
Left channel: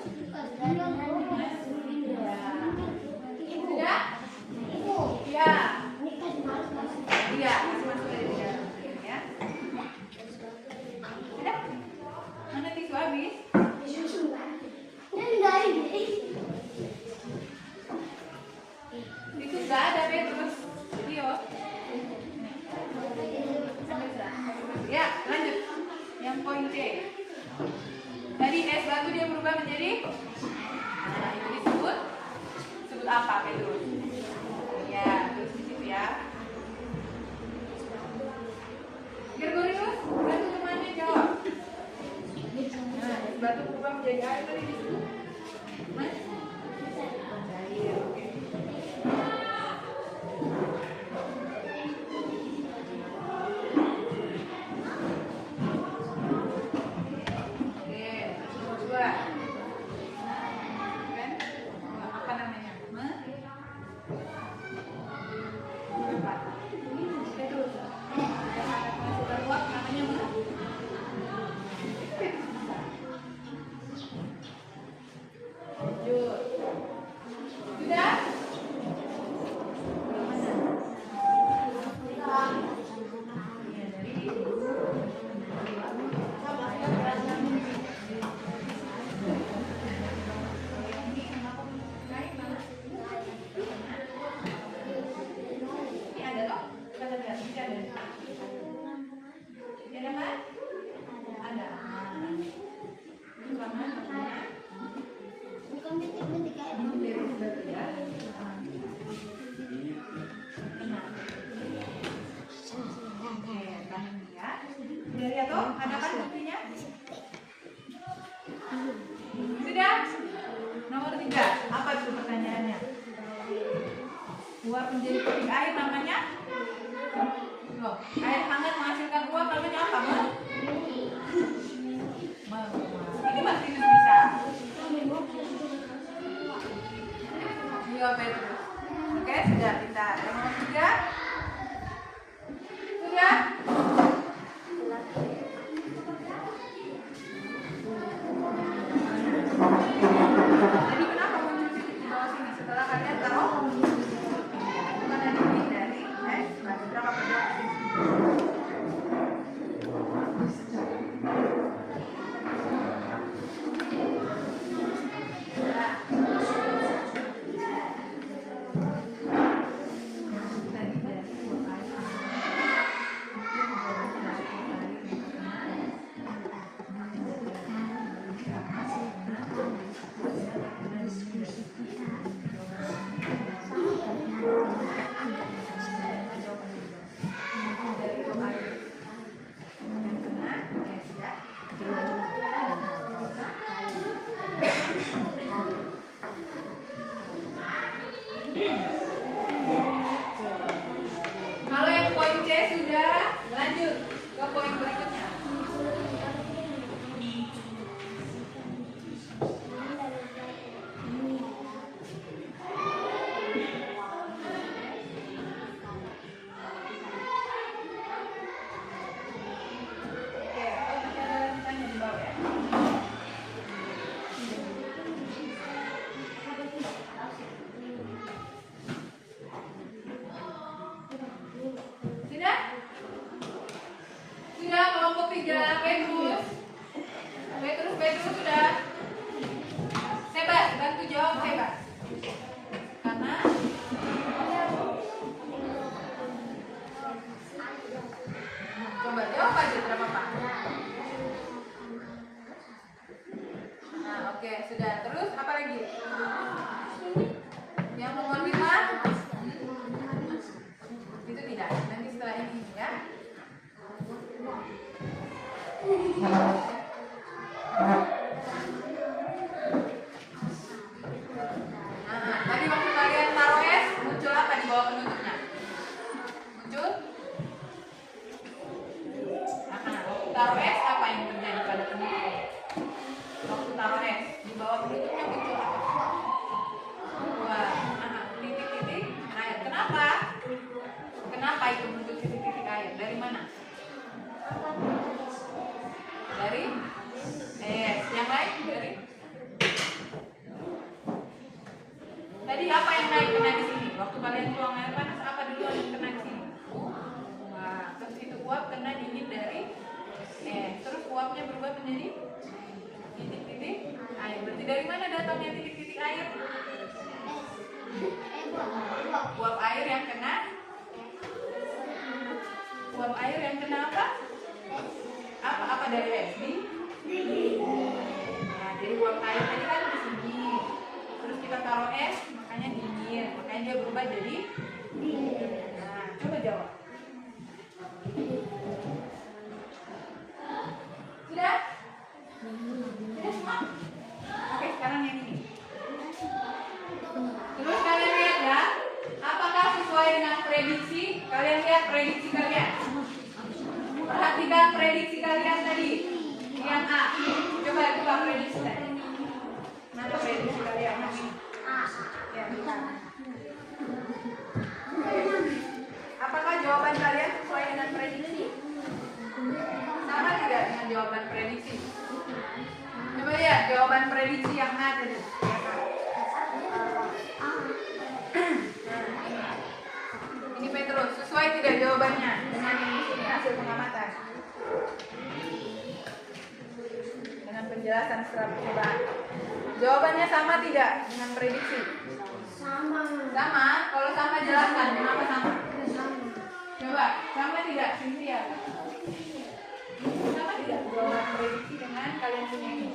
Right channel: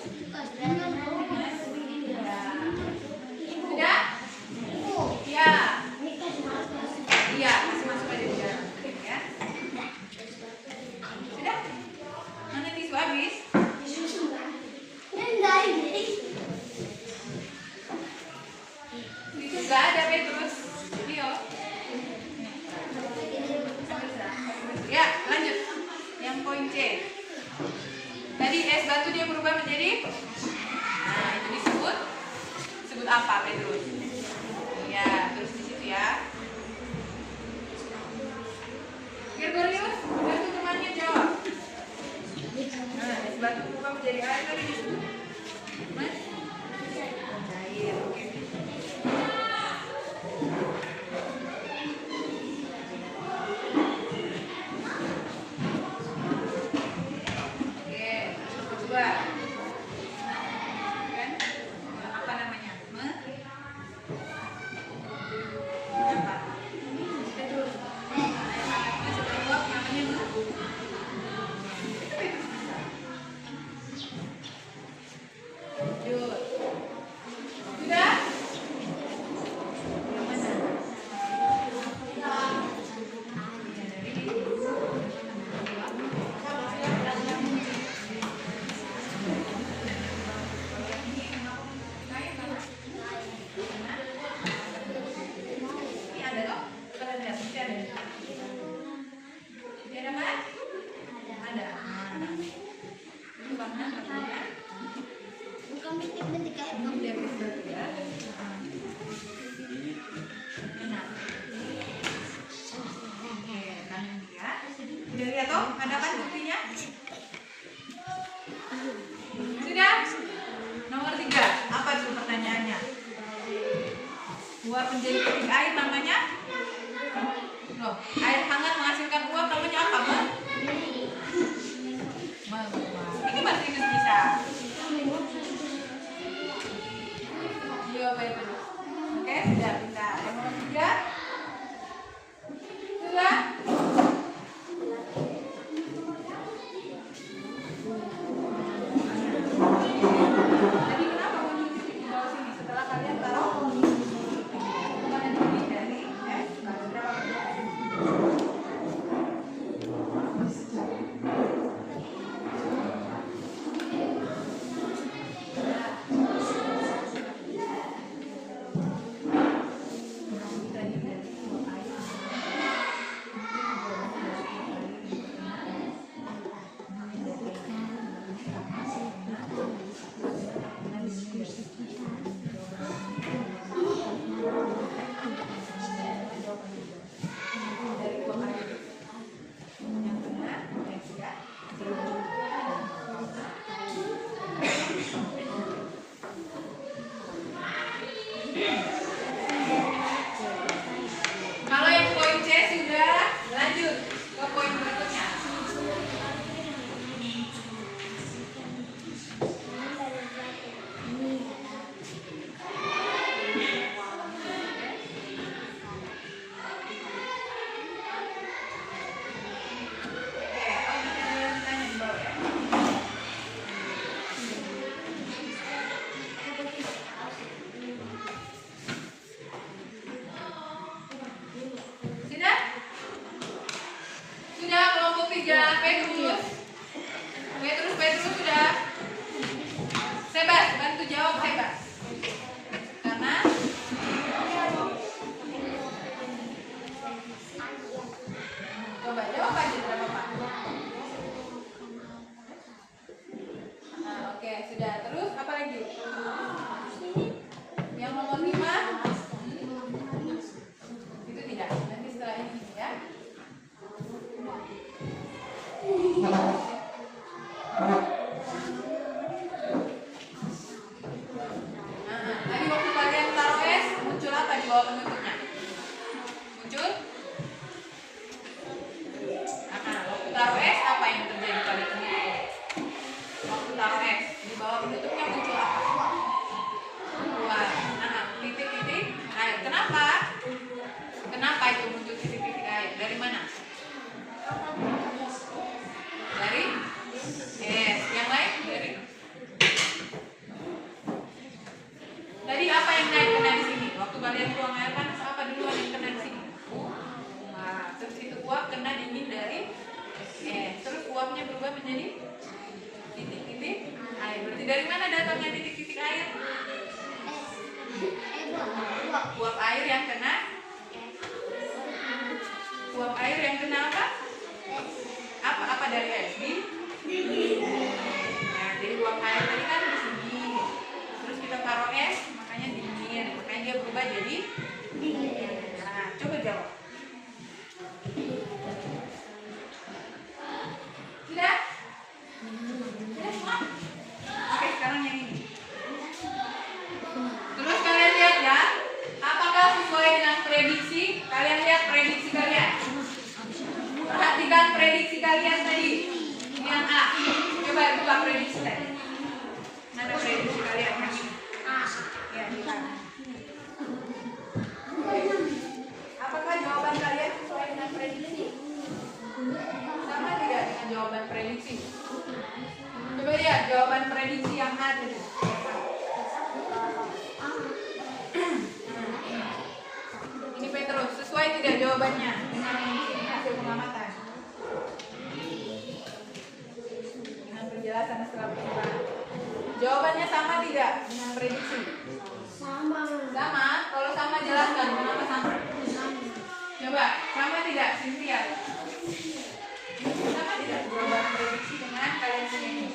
Sudah? Iya. Iya, masih masuk aja di dalam ya. Sudah? Mana tisu habis? Tisu enggak ada, Petrus. Video. Ya, lanjut. Yang poin C. Tadi es batu dia berubah menjadi itu disebut apa, Petrus? Ya, terus di situ ya. Gregorius, bantu temannya jawab. Nah, es batu berubah menjadi air tadi disebut mas? Cair, oke. Oke, coba. Kan? Apa namanya? Apa? Petrus. Air hangatnya sudah uap, namanya itu Petrus bisa. Lanjut. Sudah? Yang mana? Ya, dari ini ada loh. Kalian lihat, ini ada. Ini ada kan? Ada. Ini warna artinya dari batu ya. Benar. Oke, kanan dia. Sudah lihat toh? Ada kan buktinya? Sudah? Nomor 3. Apa itu pertanyaannya? Uap menjadi titik air namanya? Loh, air hangat menghasilkan uap namanya apa, Mbak? Ini Martinus bisa. Iya, Petrus. Oke, sudah pintar. Yang nomor 3. Sudah? Jadi kenapa muncul titik di bawah sini setelah kalian taruh? Kalian ini dari batu berapa berapa? Petrus. Petrus sudah. Sebas, bantu jawab Sebas. Karena coba jawab aja berapa Pak? Nah, oke, sudah. Terus apa lagi? Yang nomor 5? Itu tidak. Nanti setelah ini ya. Tadi waktu kalian taruh es, muncul apa di bawah penutupnya? Muncul? Waktu taruh es, apa yang terjadi pada penutupnya? Waktu taruh es, di bawah penutupnya muncul apa? Wah, titik-titik air. Kenapa? Kenapa itu muncul titik-titik air? Dari mana? Dari es. Yang lain dari? Tadi apa yang naik kena di sini? Waktu kalian buang air panas, apa duluan yang kena di sini? Wah, terus itu uap kena dingin dari es. Terus uapnya berubah menjadi titik-titik air. Berarti dari mana datangnya titik-titik air? Uap air yang kena apa? Apa dari es? Nah, jadi uap air tadi kan di sini. Terus kita taruh es, makanya dingin. Makanya dia berubah jadi dingin. Nah, coba jawab. Sudah? Sudah semua? Oke, sekarang yang ini. Terus kalian lihat ya, apakah sesuai dengan prediksi? Kalian lihat prediksi kalian. Perhatikan prediksi kalian tadi. Yang A. Coba buka prediksi tadi. Mana prediksi kalian? Ya, di kanan. Apakah jawaban kalian sesuai dengan prediksi? Sama tidak dengan jawaban prediksi? Coba lihat jawaban prediksi yang A tadi. Ini Petrus, sesuai tidak jawabannya dengan ini hasil pengamatan? Dengan penjelasan setelah percobaan. Jawabannya sama tidak dengan prediksi? Sama. Sama? Kalau sama jelaskan kenapa sama? Coba, sama tidak Cynthia? Sama tidak jawaban prediksi dengan kalian punya ini?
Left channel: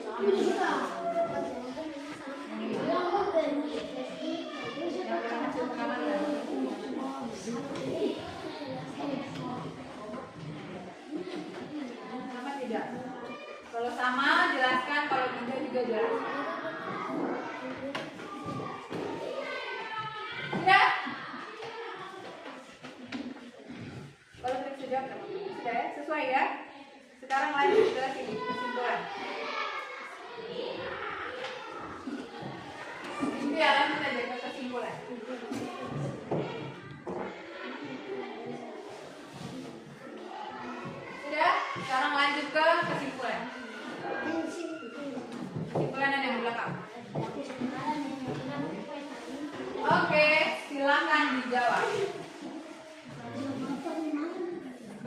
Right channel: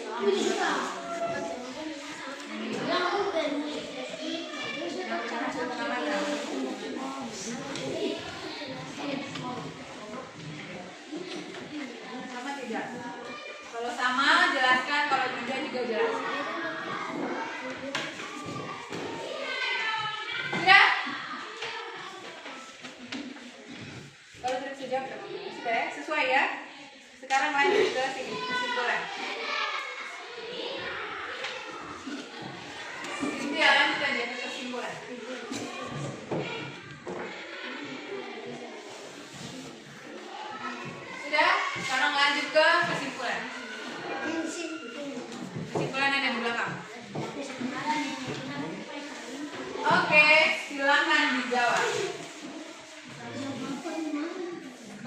Yang dengan hasil pengamatan. Sama tidak? Kalau sama jelaskan, kalau tidak juga jelaskan. Sudah? Kalau tidak sudah ya? Sesuai ya? Sekarang lanjut ke sini, kesimpulan. Ini ya, lanjut aja ke kesimpulan. Sudah? Sekarang lanjut ke kesimpulan. Kesimpulan ada di belakang. Oke, silakan dijawab.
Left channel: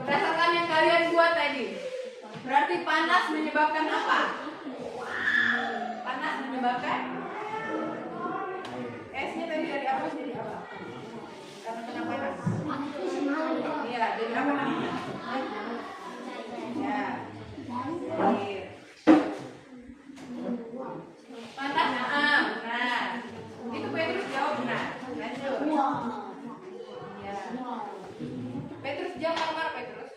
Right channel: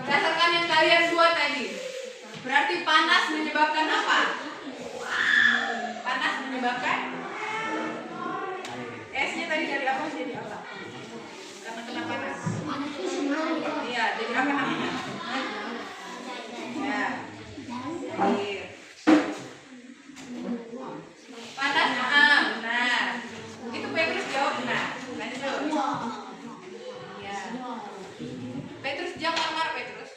Berdasarkan yang kalian buat tadi, berarti panas menyebabkan apa? Panas menyebabkan? Esnya tadi dari apa jadi apa? Karena kena panas. Iya, jadi apa namanya? Ya. Air. Panas, benar. Itu Petrus jawab benar. Lanjut. Ya. Petrus jangan marah Petrus.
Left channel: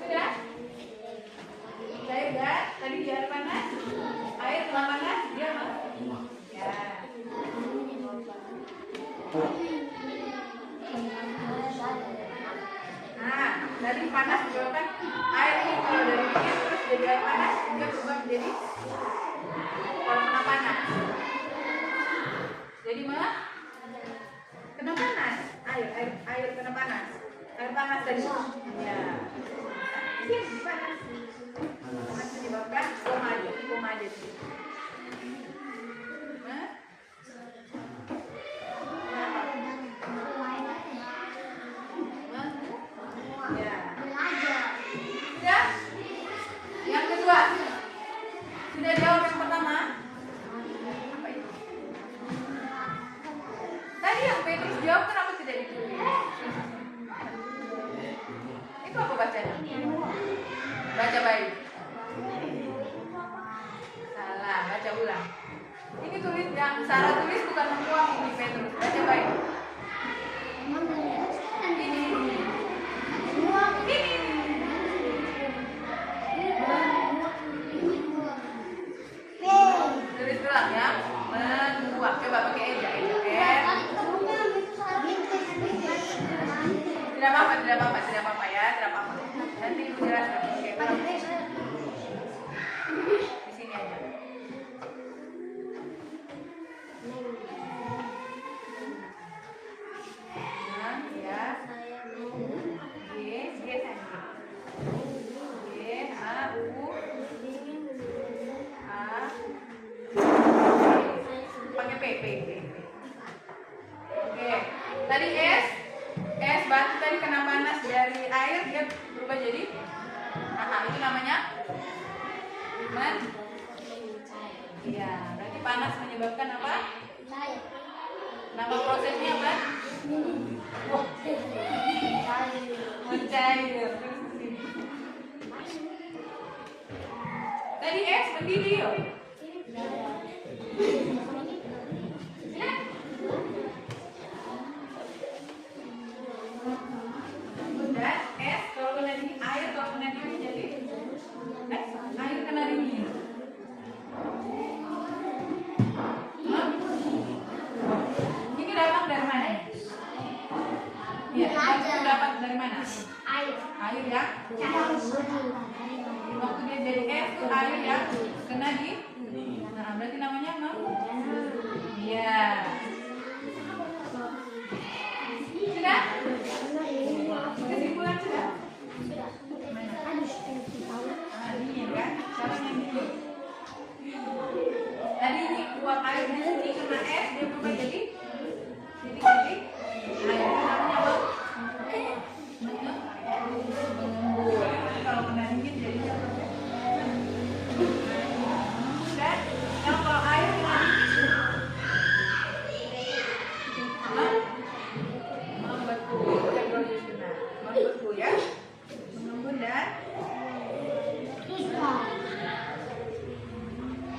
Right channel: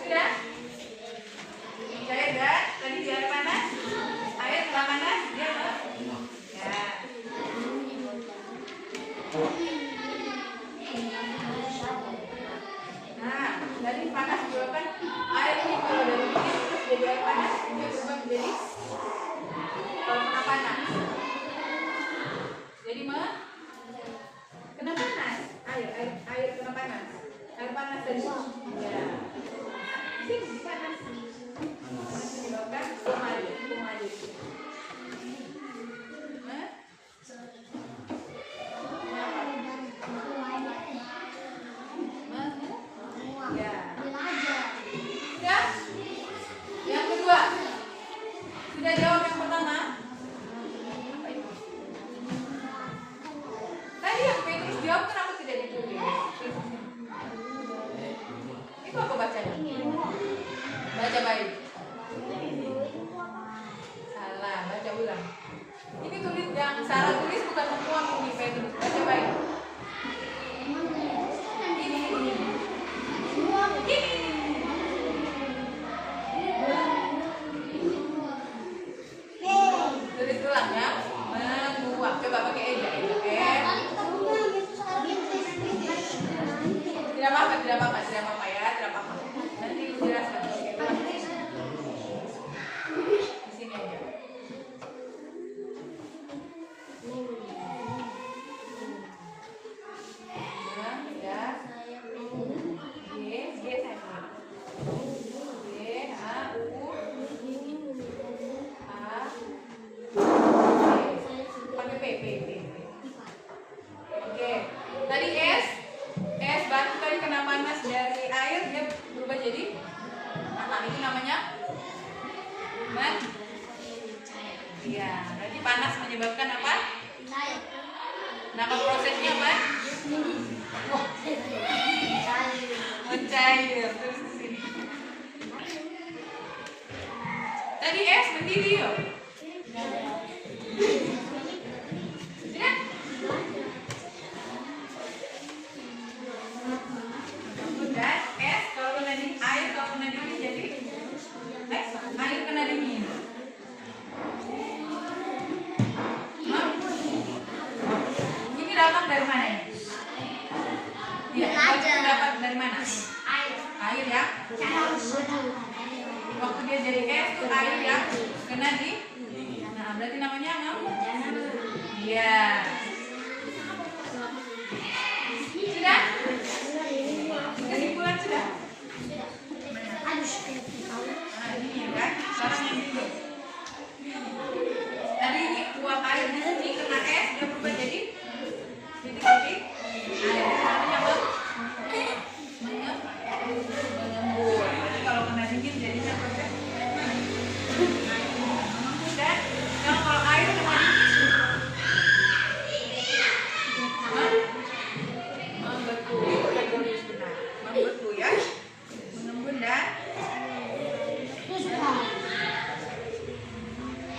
Sudah? Cair kan? Tadi di air panas. Air kena panas dia ya. Nah, dari panas juga kan air ini kalau dari dingin terus jadi air panas dia berubah menjadi kalau kena panas. Jadi kena panas, air kena panas. Air panas tadi. Ya. Sini panas. Panas menyebabkan koma aja. dijawab kenapa tidak ditulis? Itu apa bacanya? Baca baik. Salah, baca ulang. Ini tulis yang Sarah tulis bukan menguap ini Petrus. Baca baik. Tulis ulang ya. Menguap. Coba pakai eja. Tidak apa-apa ya, tidak apa-apa. Nanti ibu jelaskan. Oke, ulang. Di sini aja. Ya. G tadi. G A U A. Pakai P. Oke. Tadi S batu tadi kena panas dari air dia berubah jadi itu namanya iya, berarti panas menyebabkan apa? Nama prosesnya apa? Mencair. Terus ke sini. Tadi S mendidih yuk. Dan es kalau kena di air kalau kena dingin jadi air kena dingin. Ini dapat dari mana ya? Iya, dapat dari mana? Air ya. Waktu dia jadi es tuh air ya kena di. Nah, berarti namanya iya. Sudah? Kesimpulan sudah? Ini kan, sekarang yang ini. Tadi ini uap air di sini kena es dia berubah jadi titik-titik air. Itu namanya apa? Mengembur. Kalau kena dingin jadinya proses mengembur. Dan kalau air kena dingin membeku ya, mengembun dan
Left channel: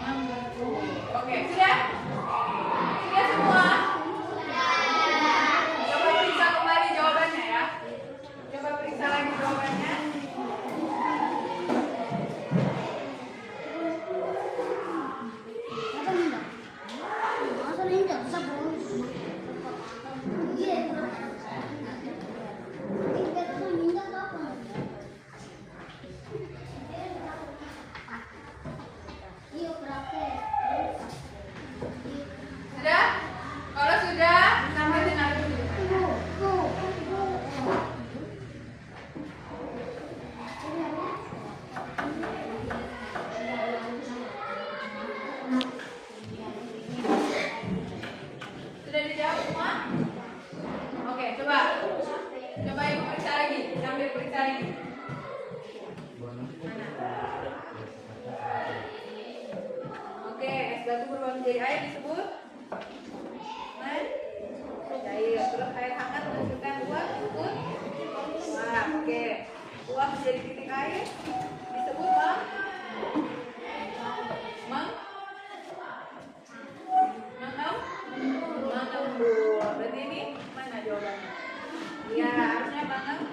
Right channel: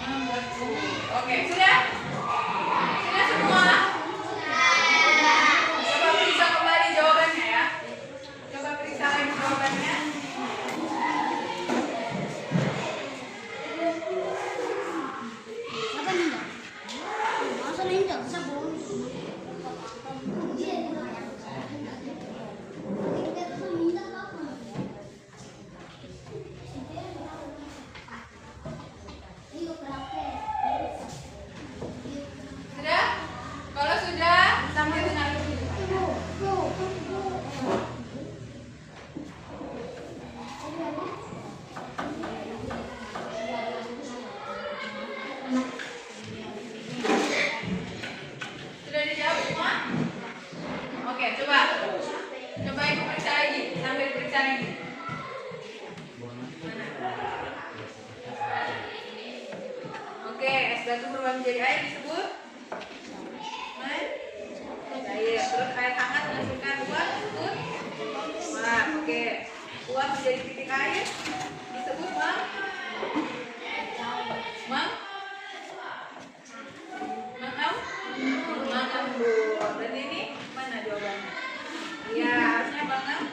membeku. Oke, sudah semua. Coba periksa kembali jawabannya ya. Coba periksa lagi jawabannya. Sudah? Kalau sudah, sambil dengar dulu. Sudah dijawab semua? Oke, coba ibu periksa lagi, sambil periksa lagi. Oke, es batu berubah menjadi air disebut cair. Terus air hangat menghasilkan uap disebut uap. Oke, uap menjadi titik air disebut mengembur. Dan ini mana jawabannya? Iya, harusnya banget.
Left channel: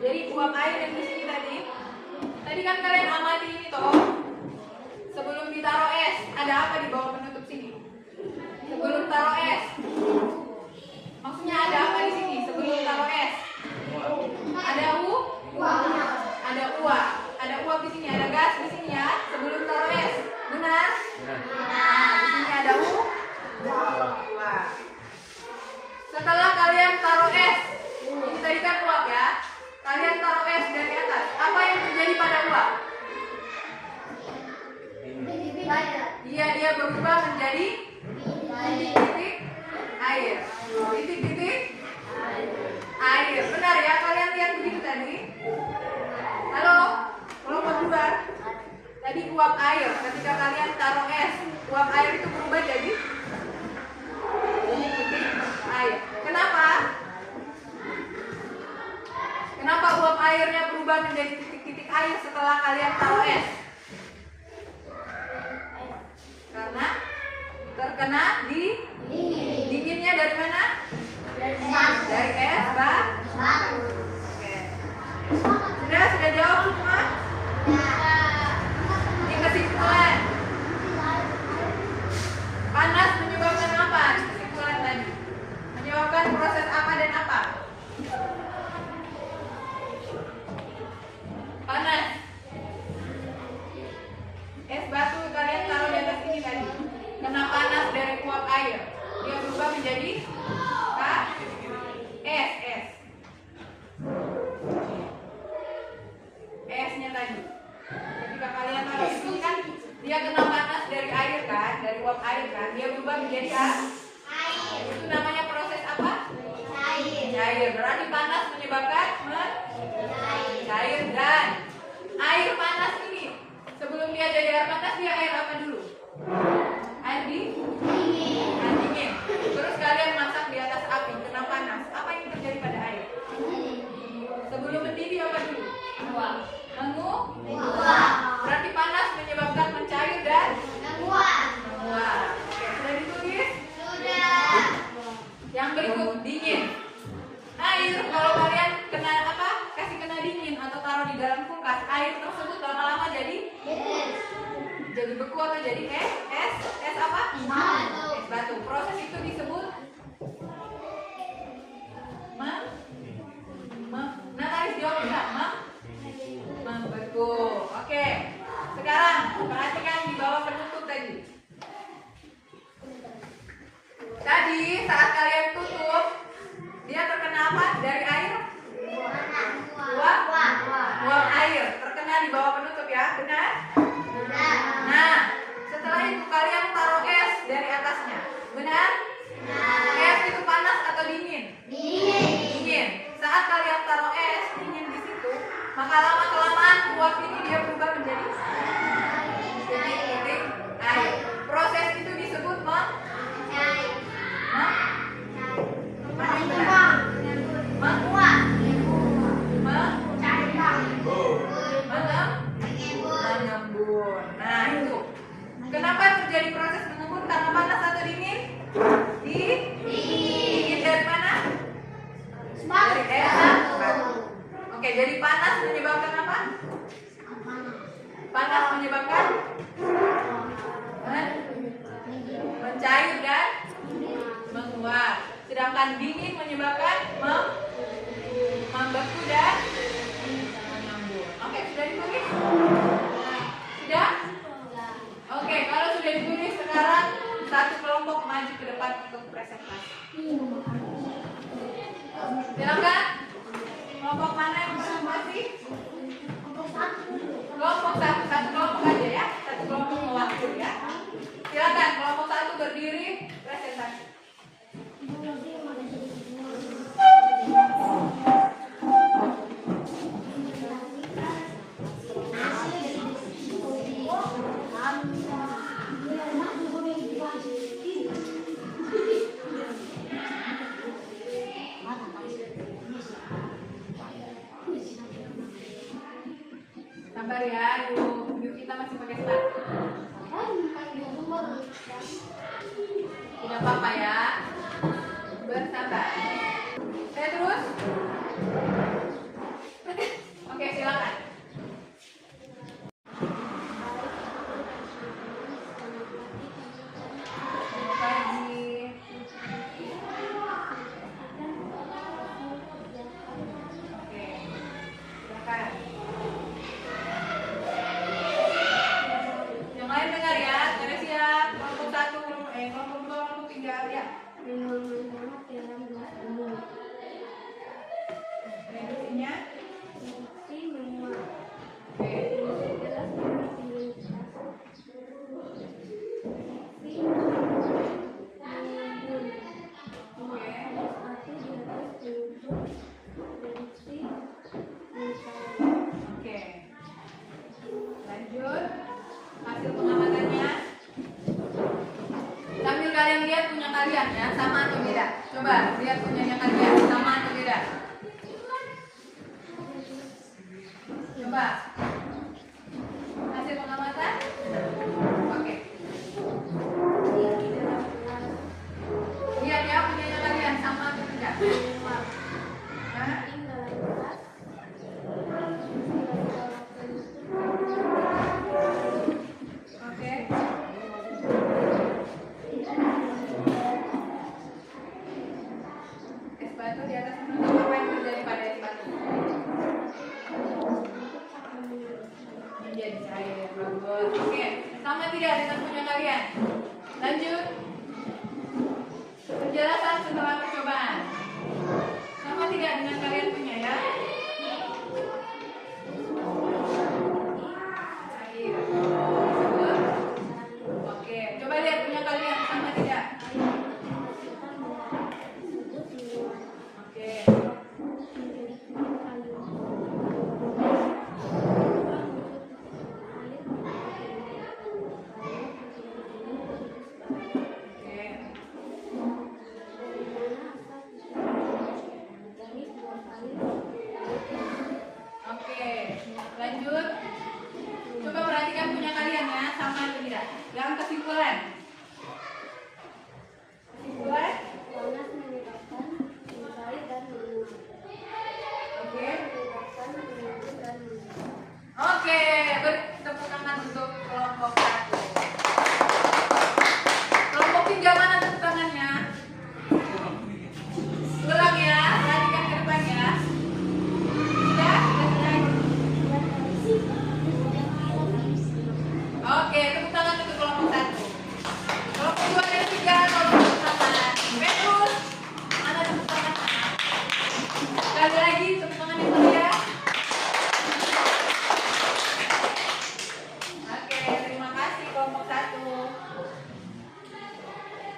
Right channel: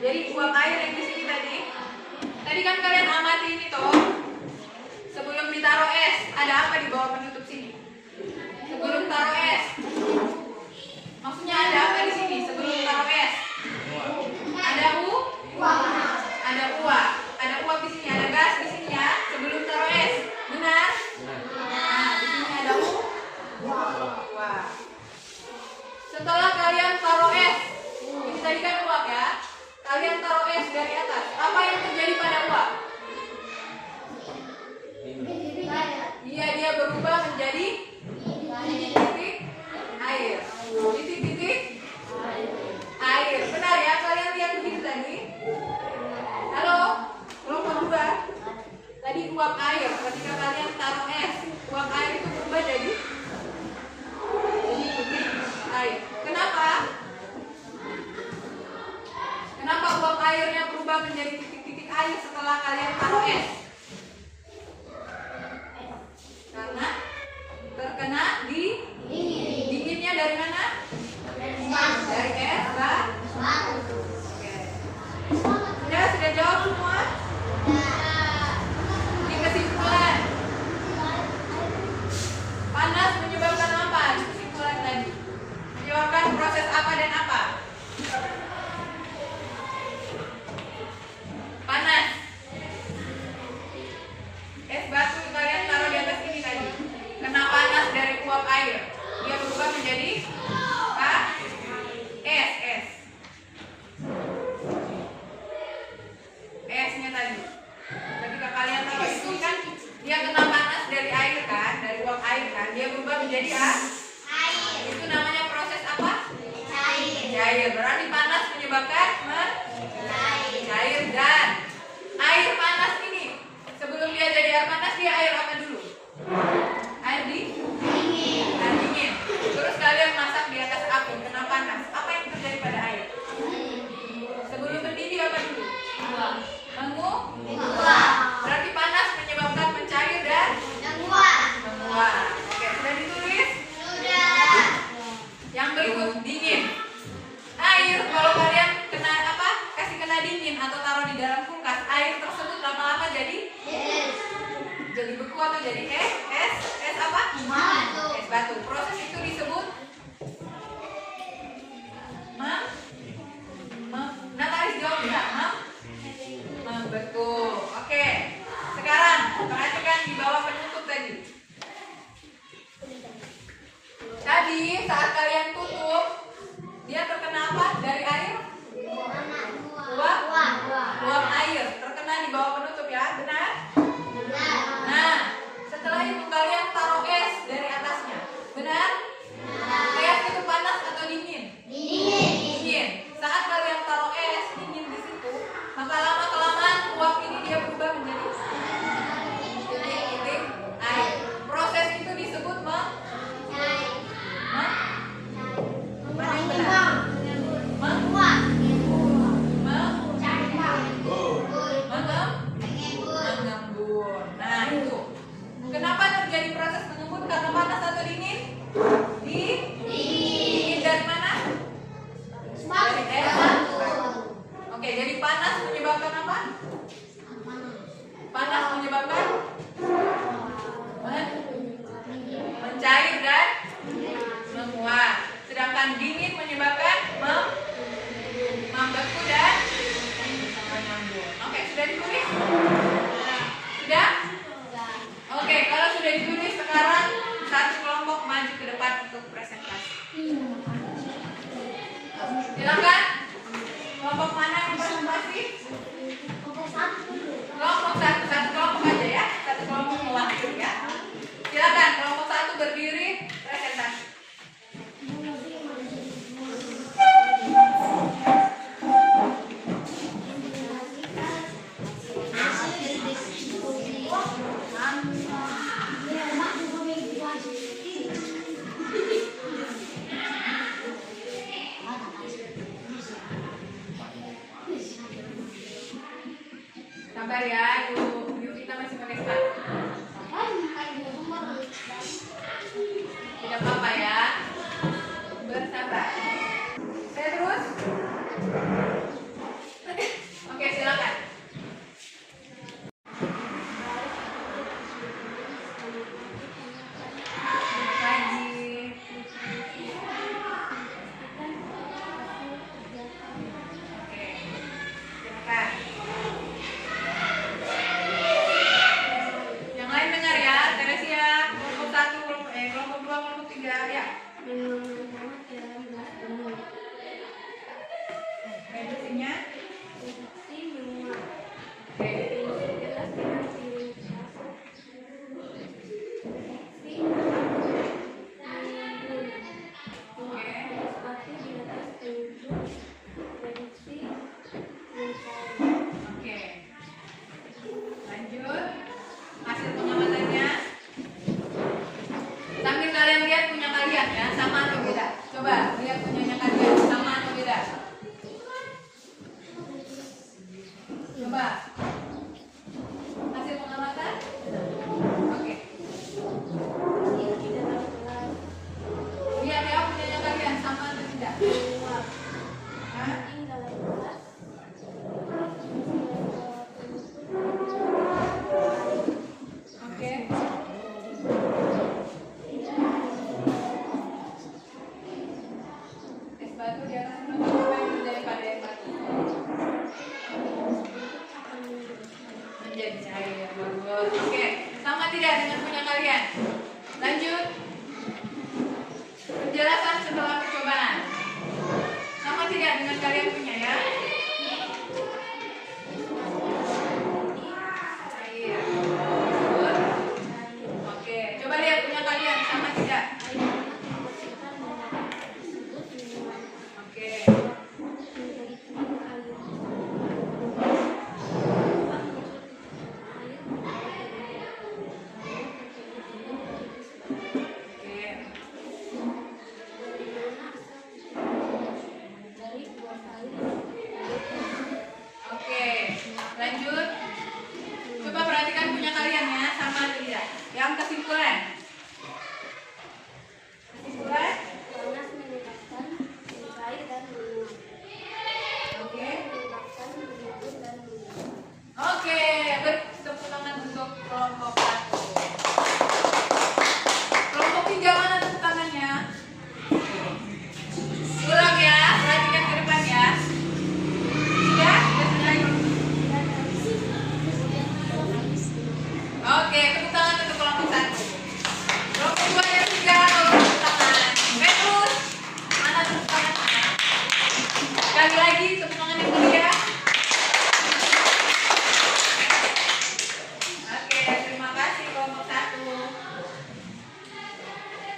Jadi uap air yang di sini tadi kan kalian amati ini toh. Sebelum ditaruh es, ada apa di bawah penutup sini? Sebelum taruh es, maksudnya ada apa di sini? Sebelum taruh es, ada uap di sini, ada gas di sini ya. Sebelum taruh es, benar? Nah, di sini ada uap. Setelah kalian taruh es, ini tadi kan uap ya. Kalian taruh es dari atas, apa yang terjadi pada uap? Iya, dia berubah menjadi titik-titik air. Titik-titik air. Benar ya? Kalian lihat begitu tadi? Halo? Kelompok 2. Tadi uap air. Ketika kalian taruh es, uap air itu berubah jadi titik air. Kenapa? berubah menjadi titik-titik air setelah kalian taruh es? Karena terkena di dinginnya dari mana? Dari es batu. Oke. Sudah jawab semua? Ini kesimpulan. Panas menyebabkan apa? Kesimpulan tadi. Menyebabkan proses apa dan apa? Panas. Es batu kalian taruh di atas ini tadi. Kena panas dari uap air. Dia berubah menjadi es. Esnya tadi. Ketika kalian taruh itu kan dia kena panas dari air kan, dari uap air kan. Dia berubah menjadi itu namanya proses apa? Cair. Berarti panas menyebabkan cair dan air panas ini sebelum dia jadi air panas dia air apa dulu? Air dingin. Terus kalian masak di atas api kena panas. Apa yang terjadi pada air? Sebelum mendidih apa dulu? Menguap. Berarti panas menyebabkan mencair dan menguap. Oke, sudah ditulis? Sudah. Yang berikut dingin. Air kalau kalian kena apa? Kasih kena dingin atau taruh di dalam kulkas, air tersebut lama-lama jadi beku atau jadi es apa? Es batu. Proses itu disebut Natalis jawab enggak? Membeku. Oke. Sekarang perhatikan di bawah penutup tadi. Tadi saat kalian tutup, dia terkena apa? Dari air? Uap air. Terkena di bawah penutup ya, benar? Nah, setelah itu kalian taruh es dari atasnya. Benar? Es itu panas atau dingin? Dingin. Saat kalian taruh es dingin di situ, maka lama-kelamaan uap ini dia berubah menjadi titik air. Proses itu disebut mengembun. Nah itu. Kenapa terjadi proses mengembun? Karena panas atau dingin? Dingin dari mana? Dari es batu. Oke, jadi panas menyebabkan apa? Panas menyebabkan mencair dan menguap. Sedangkan dingin menyebabkan membeku dan mengembun. Oke, sudah ditulis? Sudah? Oke, kalau sudah ditulis sekarang satu kelompok maju ke depan untuk presentasi. Silakan. Kelompok mana yang presentasi? Kelompok satu kelompok aja ya. Satu kelompok mewakili ya. Silakan kelompok satu berdiri presentasi. Sabar ya, yuk kita masih pakai sepatu. Tidak apa-apa ya. Bersabar. Saya terus. Oke, silakan. Selamat pagi. Oke, silakan. Yang lain dengar ya, Teresia, kelompok 1, kelompok 2, kelompok 3 ya. Reduksinya? Oke. Oke. Lanjut. Hasil penyamatannya. Sambil kalian lihat punya kalian ya, sama atau beda. Coba lihat punyanya kalian, sama atau beda. Coba. Hasil pengamatan? Oke. Lihat ya punyanya kalian sama atau tidak? Hah? Oke. Es batu di atas menutup, apa yang terjadi pada es batu? Menjadi cair. Bagus. Oke. Sama tidak dengan punya kalian? Lanjut. Penjelasan setelah percobaan. Sama tidak dengan kalian punya ya? Cair. Bagus. Oke. Coba lihat punya kalian sama tidak? Oke. Oke, lanjut. Coba perhatikan punya kalian ya, sama atau tidak. Yang kesimpulan. Kesimpulan. Panas menyebabkan cair dan menguap. Oke. Menyebabkan menimbun dan menguap. Oke, beri tepuk tangan untuk kelompok 1. Kelompok 3 mana tepuk tangannya? Ulang ya, perhatikan ke depan ya. Sudah? Sudah selesai? Oke, tepuk tangan untuk kelompok 1. Kelompok 2 dan 3, tolong tepuk tangan. Petrus, mana tepuk tangan? Sekali lagi, tepuk tangan yang mulia. Oke, terima kasih kelompok 1.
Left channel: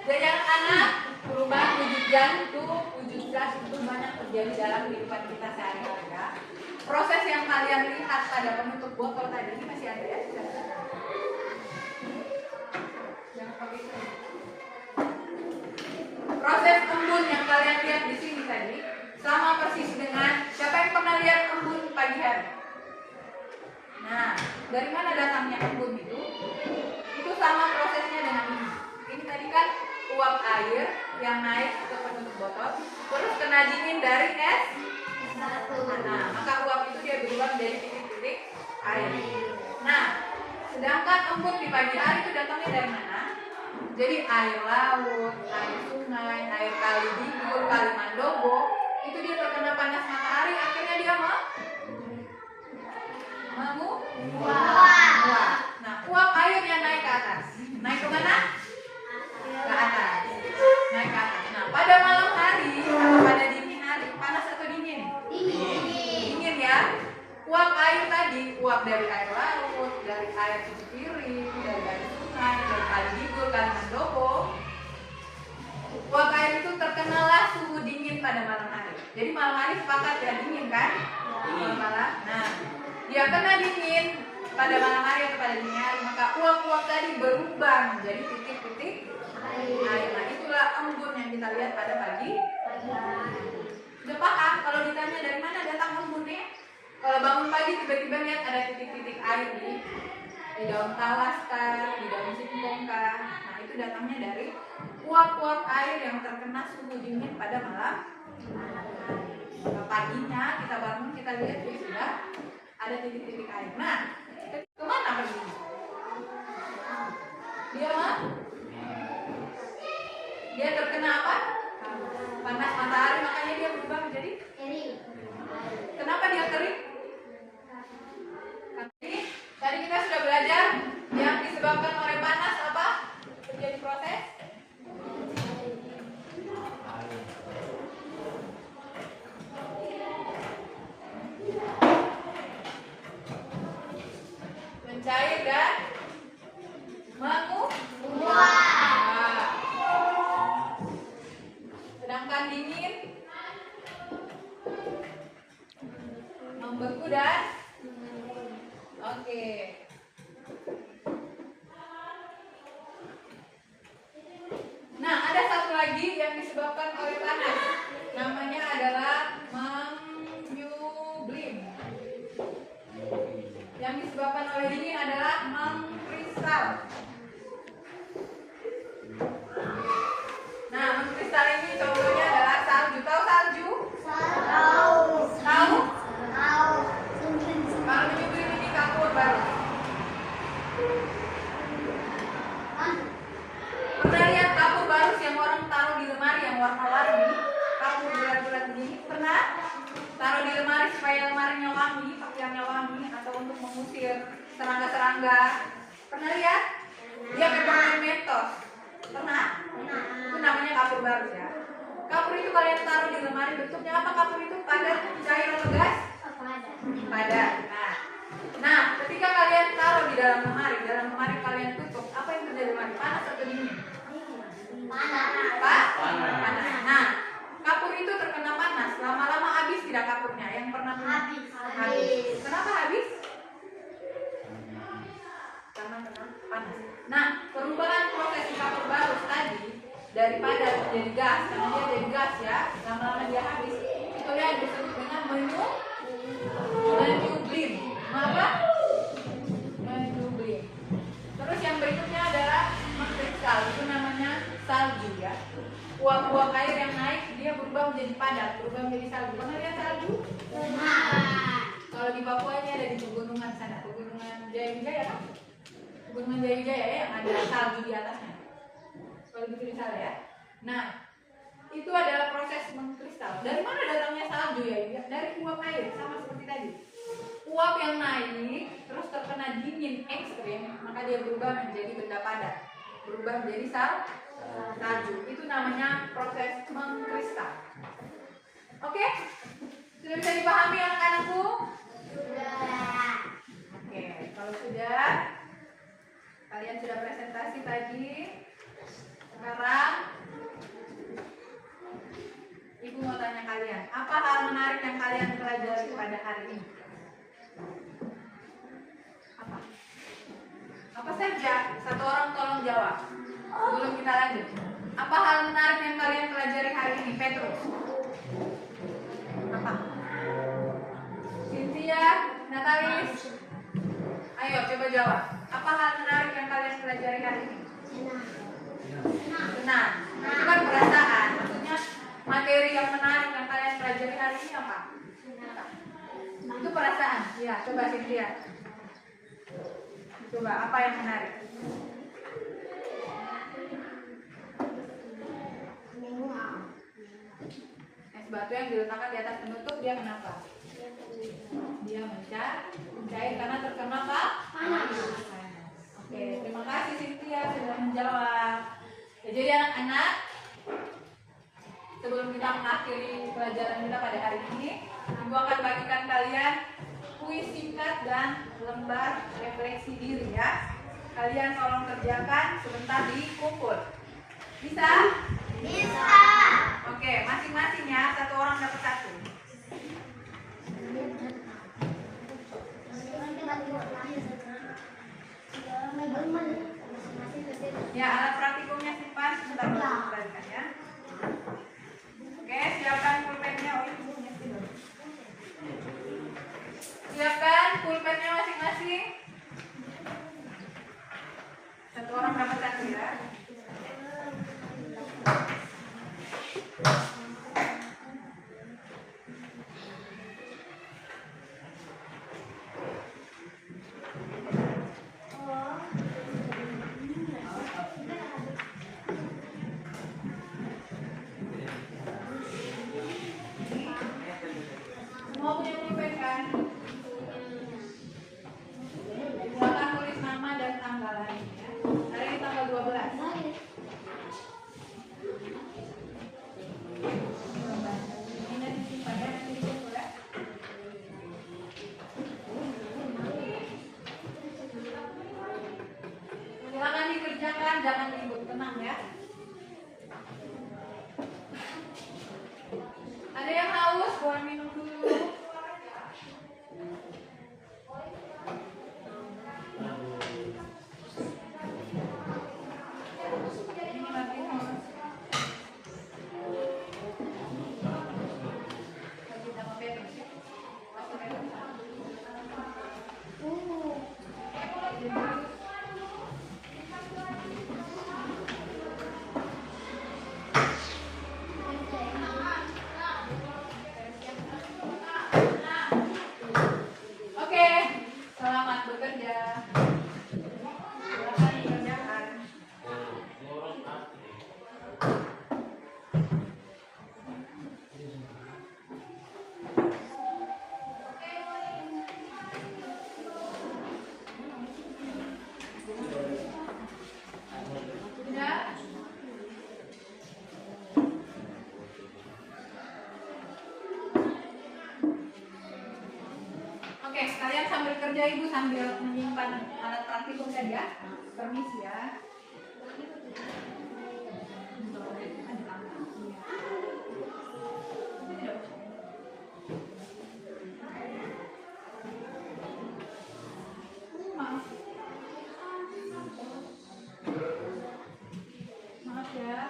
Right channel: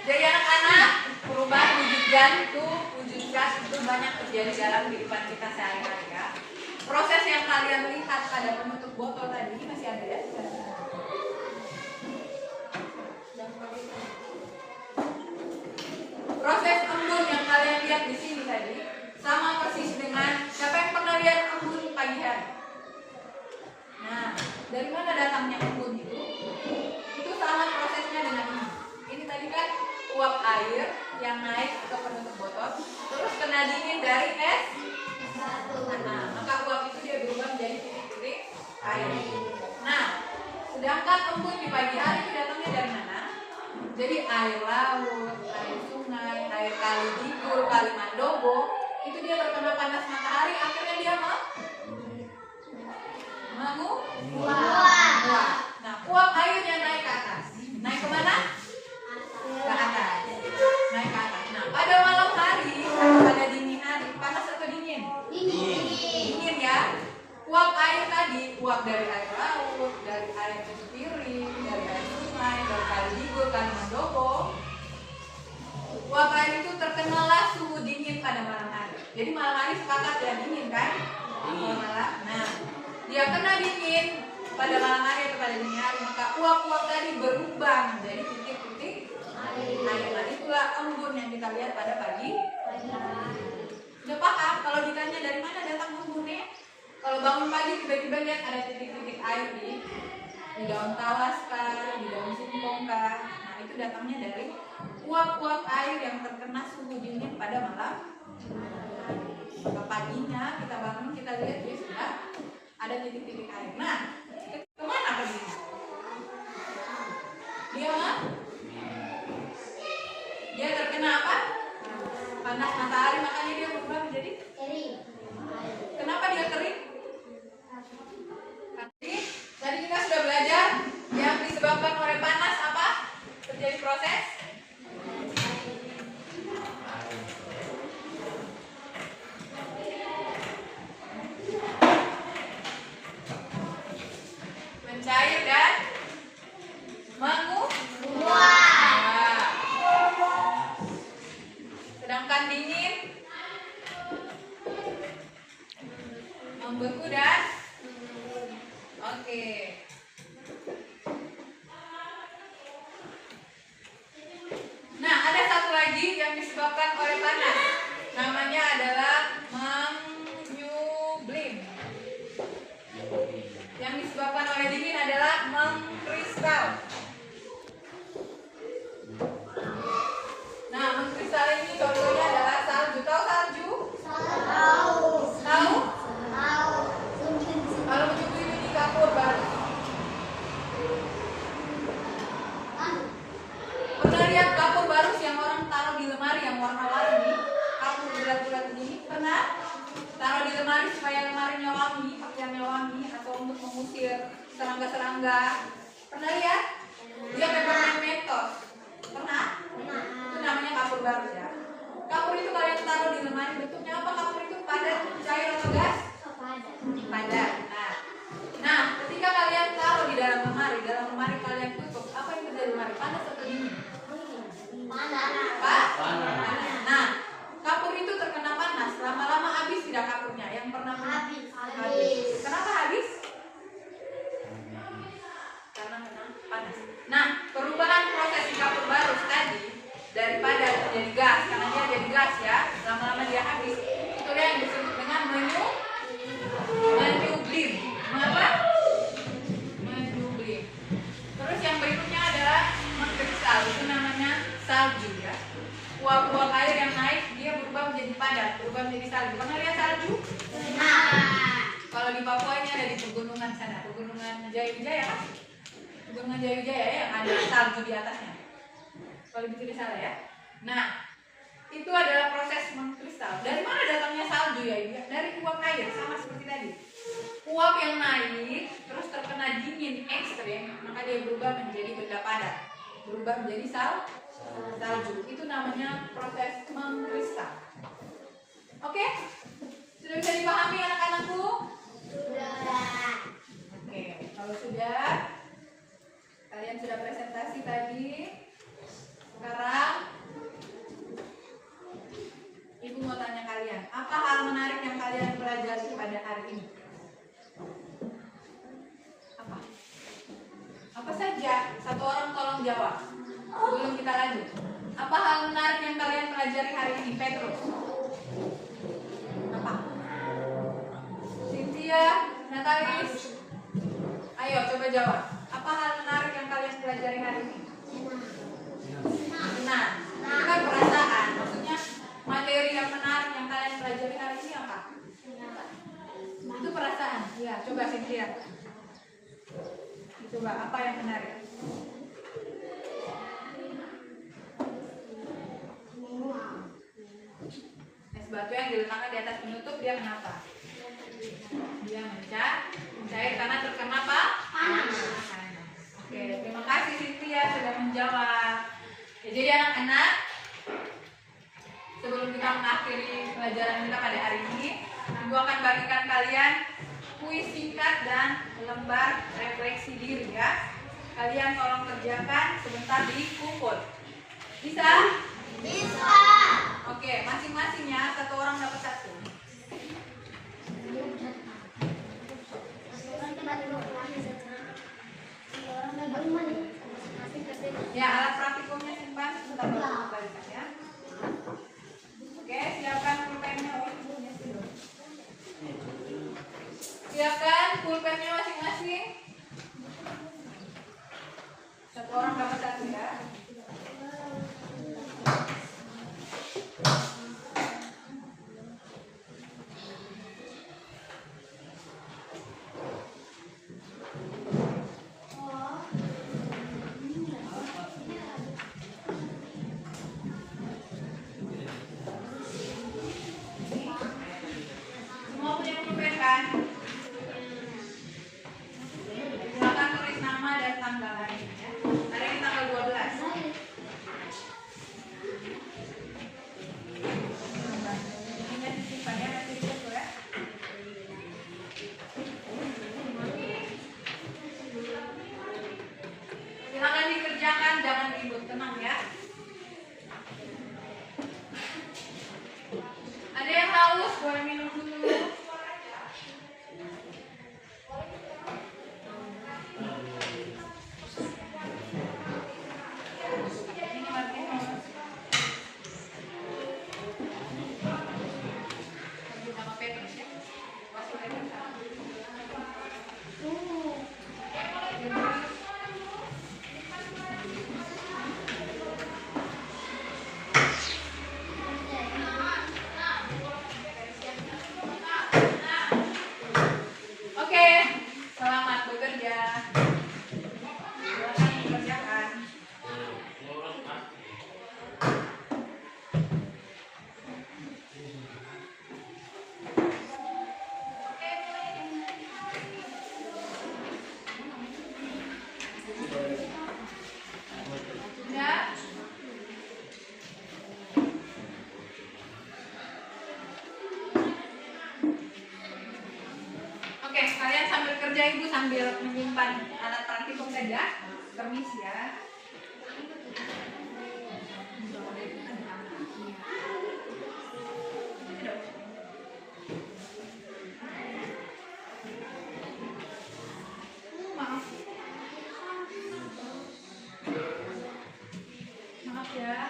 Jadi anak-anak, perubahan wujud jantung, wujud gas itu banyak terjadi dalam kehidupan kita sehari-hari ya. Proses yang kalian lihat pada penutup botol tadi ini masih ada ya? Jangan pakai itu. Proses embun yang kalian lihat di sini tadi sama persis dengan siapa yang pernah lihat embun pagi hari? Nah, dari mana datangnya embun itu? Itu sama prosesnya dengan ini. Ini tadi kan uap air yang naik ke penutup botol, terus kena dingin dari es batu. Nah, maka uap itu dia berubah menjadi titik-titik air. Nah, sedangkan embun di pagi hari itu datangnya dari mana? Jadi air laut, air sungai, air kali Digul, kali Mandobo, itu dia terkena panas matahari, akhirnya dia menguap. Nah, uap airnya naik ke atas. Naik ke mana? Ke atas. Naik ke atas. Nah, pada malam hari atau pada dini hari, panas atau dingin? Dingin ya. Uap air tadi, uap dari air laut, dari air piring, dari air sungai, dari kali Digul, kali Mandobo. Uap air itu terkenalah suhu dingin pada malam hari. Jadi malam hari sepakat ya dingin kan? Malam. Nah, dia kena dingin pada malam hari atau pada dini hari, maka uap-uap tadi berubah menjadi titik-titik air. Nah, itulah embun yang kita lihat pada pagi. Sudah paham? Kalau ditanya dari mana datang embunnya? Kalau bangun pagi tiba-tiba lihat ada titik-titik air di daun talas kah, di daun singkong kah. Nah, itu datangnya dari uap-uap air yang terkena suhu dingin pada malam hari. Maka paginya kita bangun, kita lihat dia sudah ada titik-titik air. Nah, kemana perginya? Dia terkena apa? Panas matahari, makanya dia berubah menjadi kering. Kenapa dia kering? Tadi kita sudah belajar yang disebabkan oleh panas apa? Terjadi proses mencair dan menguap. Sedangkan dingin mengkristal? Nah, mengkristal ini contohnya adalah salju. Tahu salju? Tahu. Tahu? Tahu. Kalau menyusui ini kapur baru. Pernah lihat kapur barus yang orang taruh di lemari yang warna-warni? Kapur bulat-bulat ini pernah? Taruh di lemari supaya lemarinya wangi, pakaiannya wangi, atau untuk mengusir serangga-serangga. Pernah lihat? Dia peppermint mentos. Pernah? Itu namanya kapur barus ya. Kapur itu kalian taruh di lemari, bentuknya apa kapur itu? Padat, cair atau gas? Padat. Nah, ketika kalian taruh di dalam lemari kalian tutup, apa yang terjadi di lemari? Panas atau dingin? Panas. Nah, kapur itu terkena panas, lama-lama habis tidak kapurnya? Yang pernah punya? Habis. Kenapa habis? Karena kena panas. Nah, perubahan proses di kapur barus tadi daripada menjadi gas, karena dia jadi gas ya, lama-lama dia habis. Itu yang disebut dengan menyublim. Apa? Menyublim. Terus yang berikutnya adalah mengkristal. Itu namanya salju ya. Uap-uap air yang naik dia berubah menjadi padat, berubah menjadi salju. Pernah lihat salju? Kalau di Papua ini ada di pegunungan sana, pegunungan Jaya kan? Pegunungan Jaya yang ada salju di atasnya. Kalau tidak salah ya. Nah, itu adalah proses mengkristal. Dari mana datangnya salju ya? Dari uap air, sama seperti tadi. Uap yang naik terus terkena dingin ekstrim, maka dia berubah menjadi benda padat, berubah menjadi salju. Itu namanya proses mengkristal. Oke? Sudah bisa dipahami anak-anakku? Sudah. Oke, kalau sudah, kalian sudah presentasi tadi. Sekarang Ibu mau tanya kalian, apa hal menarik yang kalian pelajari pada hari ini? Apa saja? Satu orang tolong jawab sebelum kita lanjut. Apa hal menarik yang kalian pelajari hari ini? Petrus. Apa? Cynthia, Natalis. Ayo coba jawab. Apa hal menarik yang kalian pelajari hari ini? Senang. Itu kan perasaan. Maksudnya materi yang menarik yang kalian pelajari hari ini apa? Itu perasaan. Ya, coba Cynthia. Coba apa yang menarik? Es batu yang diletakkan di atas penutup dia kenapa? Dia mencair karena terkena apa? Panas. Oke, terima kasih Cynthia sudah menjawab. Ya, jadi anak-anak, sebelum kita mengakhiri pelajaran kita pada hari ini, Ibu akan bagikan kalian kuis singkat dan lembar refleksi diri ya. Kalian tolong kerjakan sebentar di kumpul. Bisa? Bisa. Oke, masing-masingnya satu orang dapat satu. Ya, alat praktikumnya simpan sebentar baru kembalikan ya. Oke, siapkan pulpennya. Oh, ini punya sih dong. Siapkan pulpennya masing-masing. Satu orang dapat satu ya. Semua punya pulpen kan? Silakan tulis nama dan tanggalannya ya. Hari ini tanggal 12. Ini disimpan ya, nanti difoto ya. Silakan dikerjakan, jangan ribut, tenang ya. Ada yang haus, boleh minum dulu. Ini Martinus. Lagi sama Petrus ya. Masuk lagi. Kalian sambil kerja, Ibu sambil menyimpan alat praktikum saja. Permisi ya. Maaf. Maaf ya.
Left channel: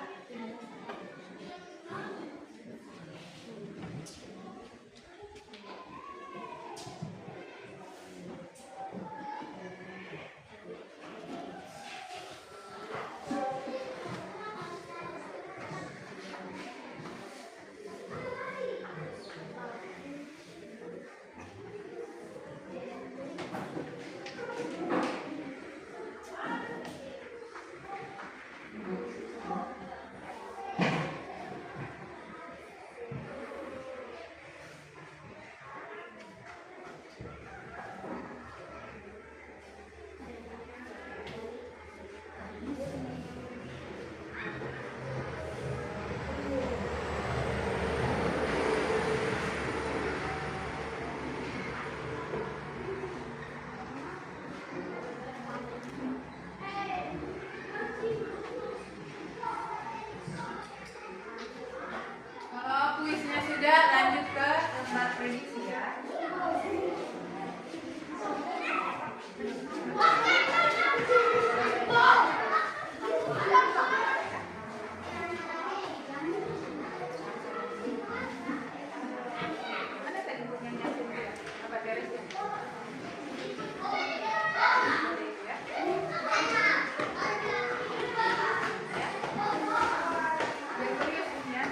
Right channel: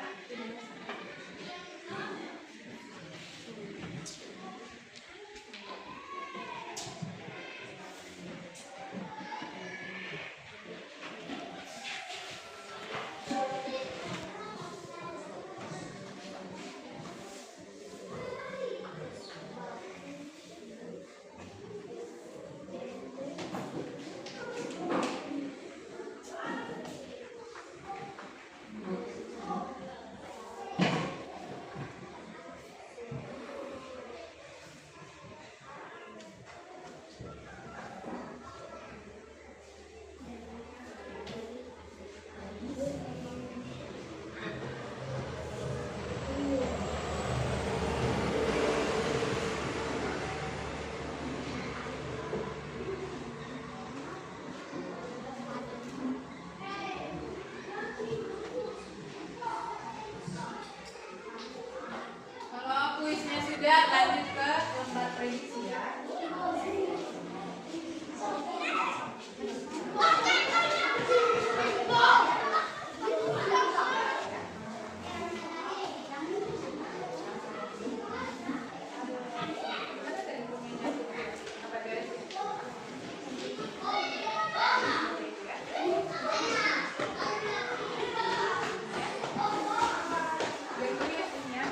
Kalau kuisnya sudah, lanjut ke lembar prediksi ya. Mana tadi dokumennya? Apa garisnya? Biar curious ya.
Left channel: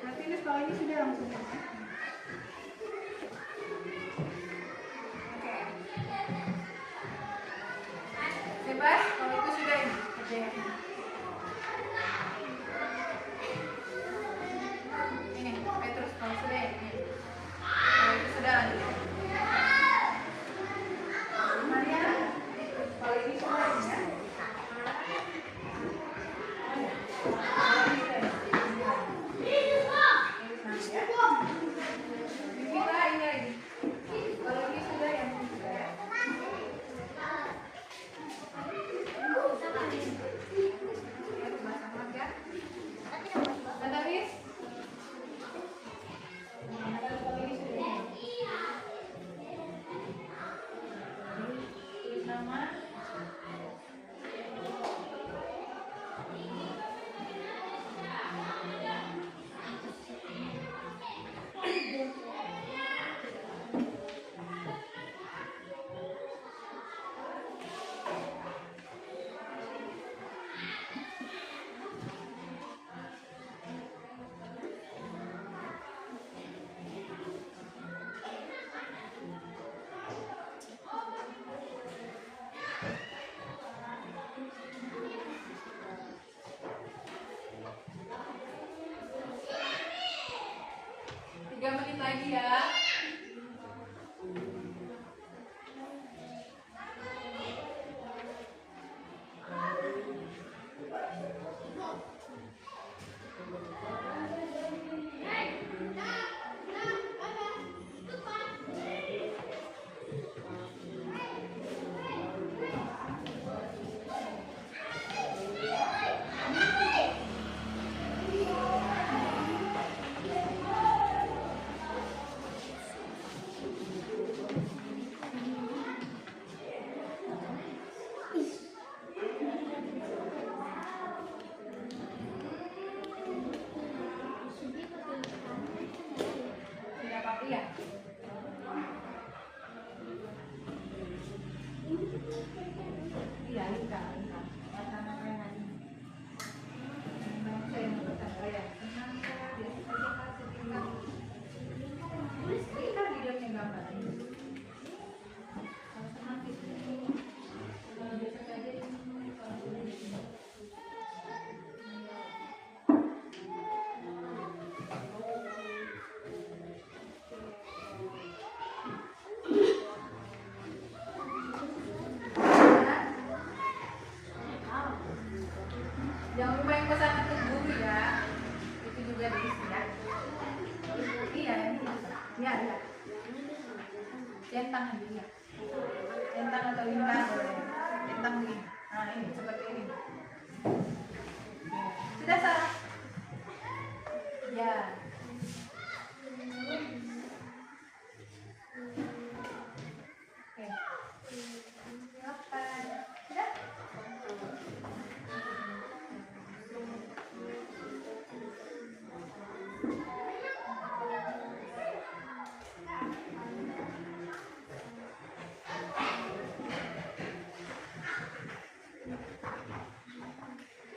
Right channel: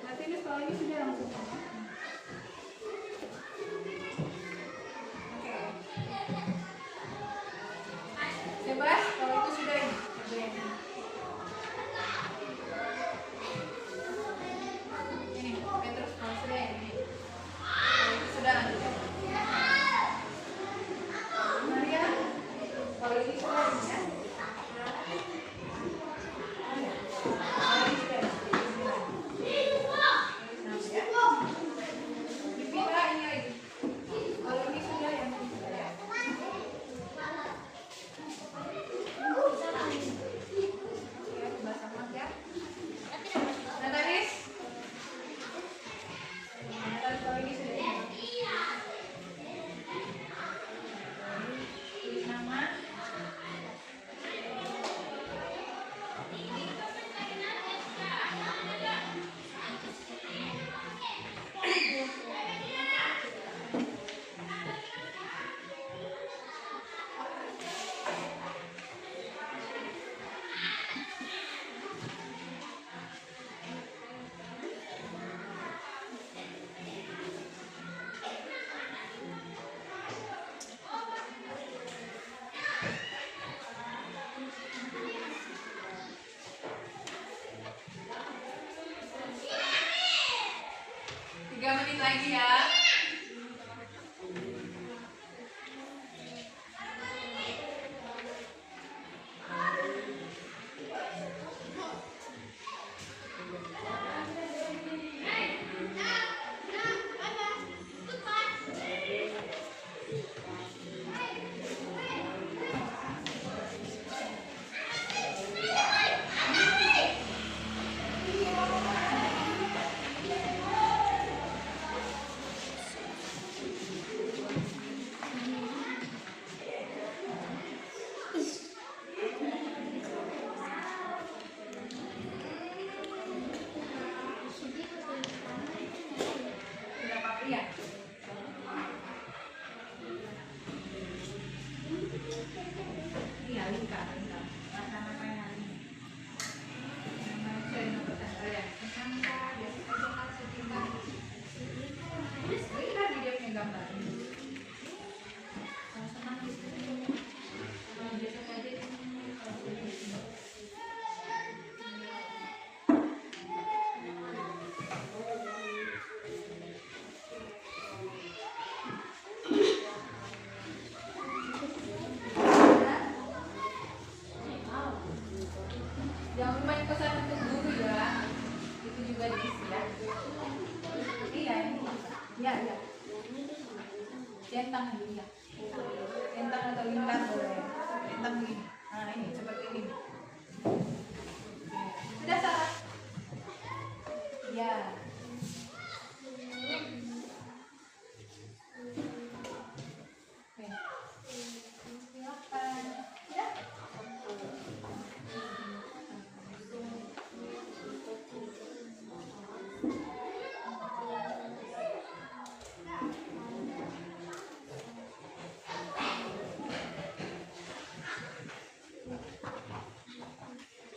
Nanti ini kalau ini sudah langsung ya. Oke. Bebas kalau itu sudah ini kerjanya. Ini, Petrus kalau sudah ya ini. Kalau itu sudah lanjut. Maria, kalau ini sudah ini ya. Bibira ini lagi. Kalau ini sudah yang ini sudah ya. Ya, basah ya. Natalis. Natalis kalau ini sudah ya. Tulis nama. Tiga menit lagi ya. centang aja ya. Centang atau lingkar boleh. Centang begini. Nah ini seperti ini. Oke. Sudah salah? Ya. Oke. Silakan. Sudah?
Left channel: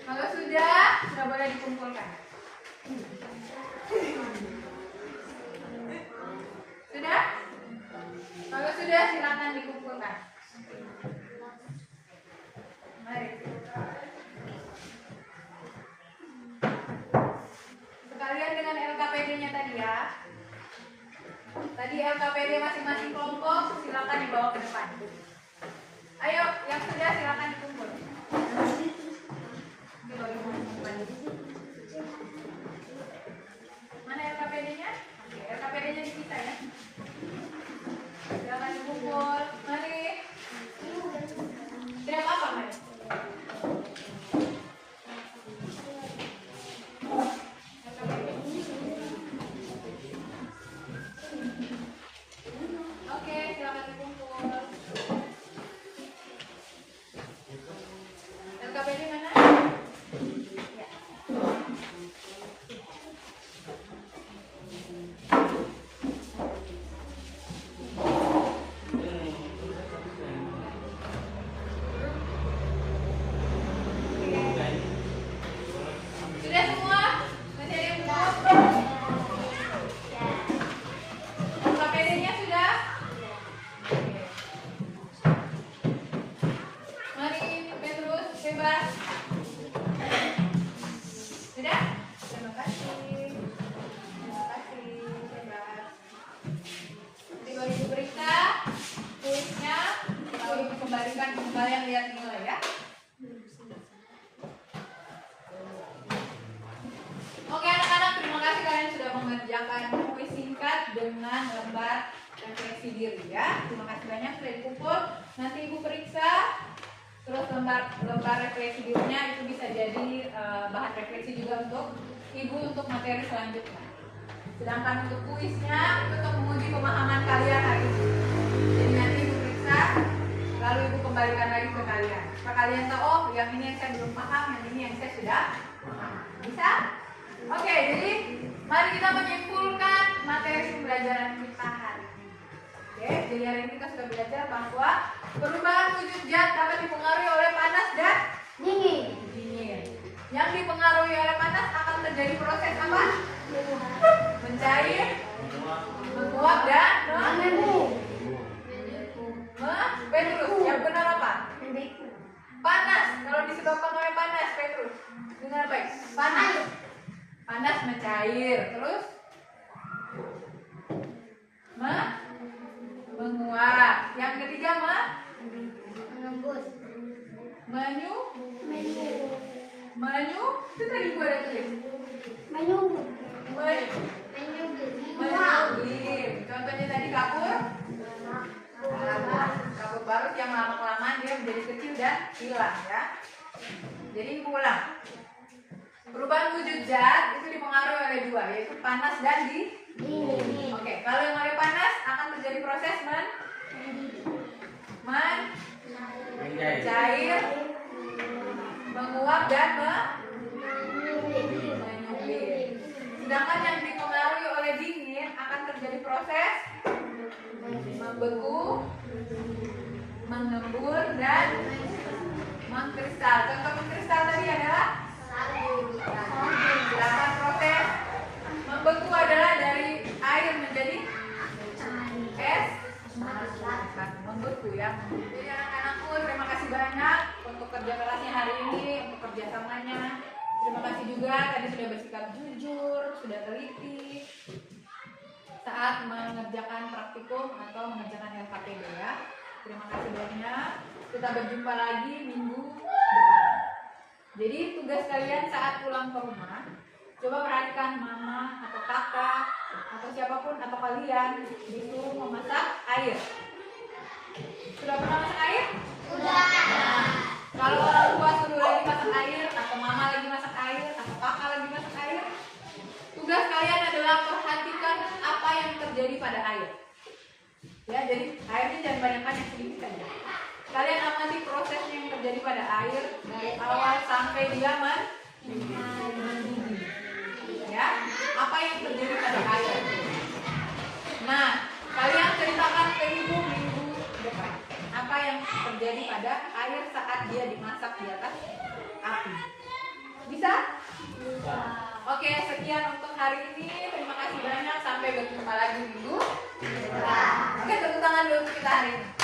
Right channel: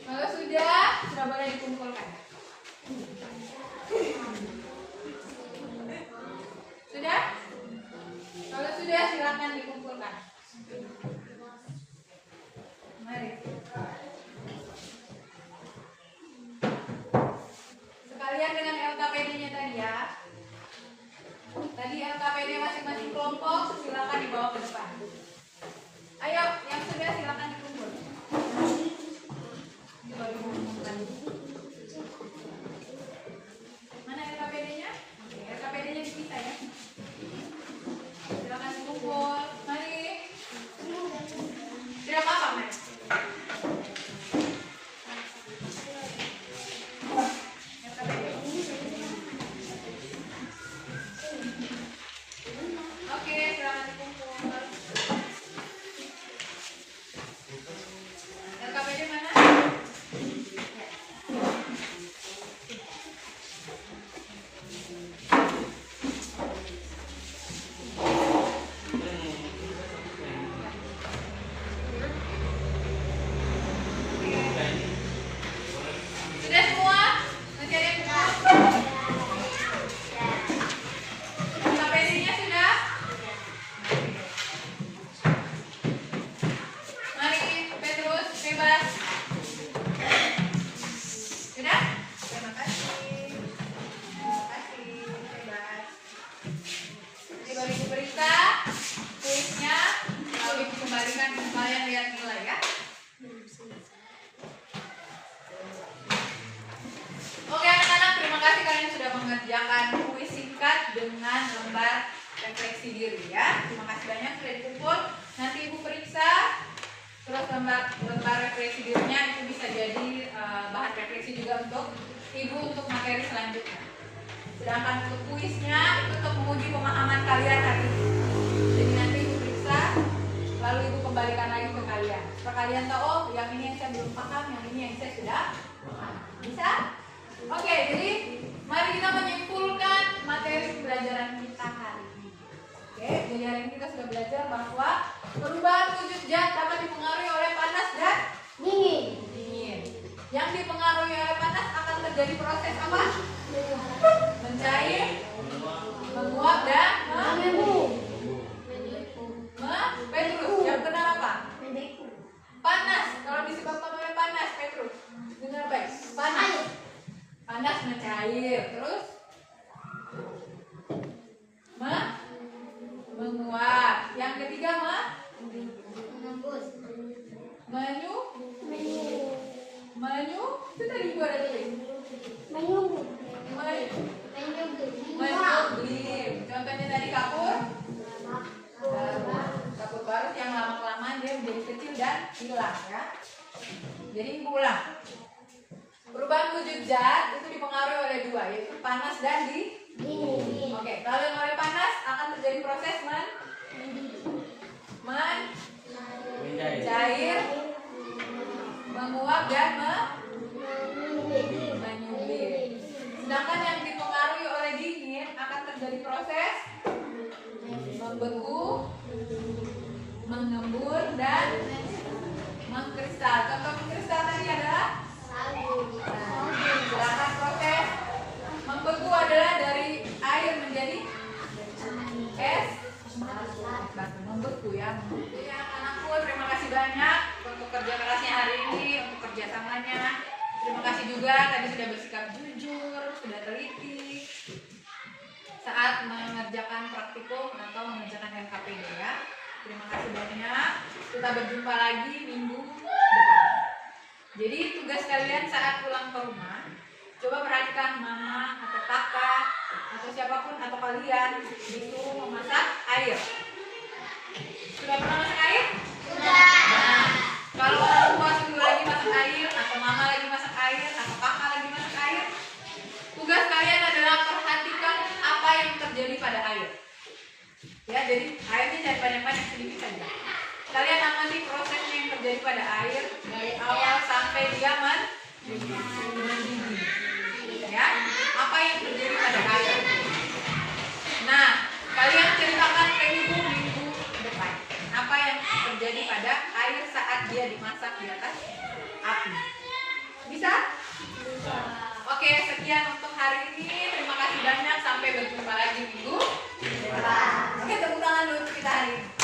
Kalau sudah boleh dikumpulkan. Sudah? Kalau sudah silakan dikumpulkan. Mari. Sekalian dengan LKPD-nya tadi ya. Tadi LKPD masing-masing kelompok silakan dibawa ke depan. Ayo, yang sudah silakan dikumpul. Mana LKPD-nya? Oke, LKPD-nya dipisah ya. Silakan dikumpul. Mari. Tidak apa-apa, mari. Oke, silakan dikumpul. LKPD mana? Ya. Sudah semua? Masih ada yang belum? LKPD-nya sudah? Mari, Petrus, bebas. Sudah? Terima kasih. Terima kasih, bebas. Nanti baru ibu periksa kuisnya, lalu ibu kembalikan ke kalian lihat nilai ya. Oke anak-anak, terima kasih kalian sudah mengerjakan kuis singkat dengan lembar refleksi diri ya. Terima kasih banyak sudah dikumpul. Nanti ibu periksa, terus lembar refleksi dirinya itu bisa jadi bahan refleksi juga untuk ibu untuk materi selanjutnya. Sedangkan untuk kuisnya itu untuk menguji pemahaman kalian hari ini. Jadi nanti ibu periksa, lalu ibu kembalikan lagi ke kalian. Supaya kalian tahu, oh yang ini yang saya belum paham, yang ini yang saya sudah paham. Bisa? Oke, jadi mari kita menyimpulkan materi pembelajaran kita hari ini. Oke, jadi hari ini kita sudah belajar bahwa perubahan wujud zat dapat dipengaruhi oleh panas dan dingin. Yang dipengaruhi oleh panas akan terjadi proses apa? Mencair, menguap dan Petrus, yang benar apa? Panas. Kalau disebabkan oleh panas, Petrus, dengar baik. Panas mencair, terus menguap. Yang ketiga menyu itu tadi gua ada tulis. Menyublim. Contohnya tadi kapur barut yang lama-kelamaan dia menjadi kecil dan hilang ya. Jadi ulang. Perubahan wujud zat itu dipengaruhi oleh dua, yaitu panas dan dingin. Oke, kalau yang oleh panas akan terjadi proses mencair, menguap dan menyublim. Sedangkan yang dipengaruhi oleh dingin akan terjadi proses membeku, mengembun dan mengkristal. Contoh mengkristal tadi adalah sedangkan proses membeku adalah dari air menjadi es, membeku ya. Jadi anak-anakku terima kasih banyak untuk kerja kerasnya hari ini, untuk kerjasamanya. Terima kasih juga tadi sudah bersikap jujur, sudah teliti saat mengerjakan praktikum atau mengerjakan LKPD ya. Terima kasih banyak. Kita berjumpa lagi minggu depan. Jadi tugas kalian saat pulang ke rumah, coba perhatikan mama atau kakak atau siapapun atau kalian disuruh memasak air. Sudah pernah masak air? Sudah. Nah, kalau orang tua suruh lagi masak air, atau mama lagi masak air, atau kakak lagi masak air, tugas kalian adalah perhatikan apa yang terjadi pada air. Ya, jadi airnya jangan banyak-banyak, sedikit saja. Kalian amati prosesnya yang terjadi pada air dari awal sampai dia mendidih. Ya, apa yang terjadi pada air. Nah, kalian ceritakan ke ibu minggu depan apa yang terjadi pada air saat dia dimasak di atas api. Bisa? Bisa. Oke, sekian untuk hari ini. Terima kasih banyak. Sampai berjumpa lagi minggu depan. Oke, tepuk tangan dulu untuk kita hari ini.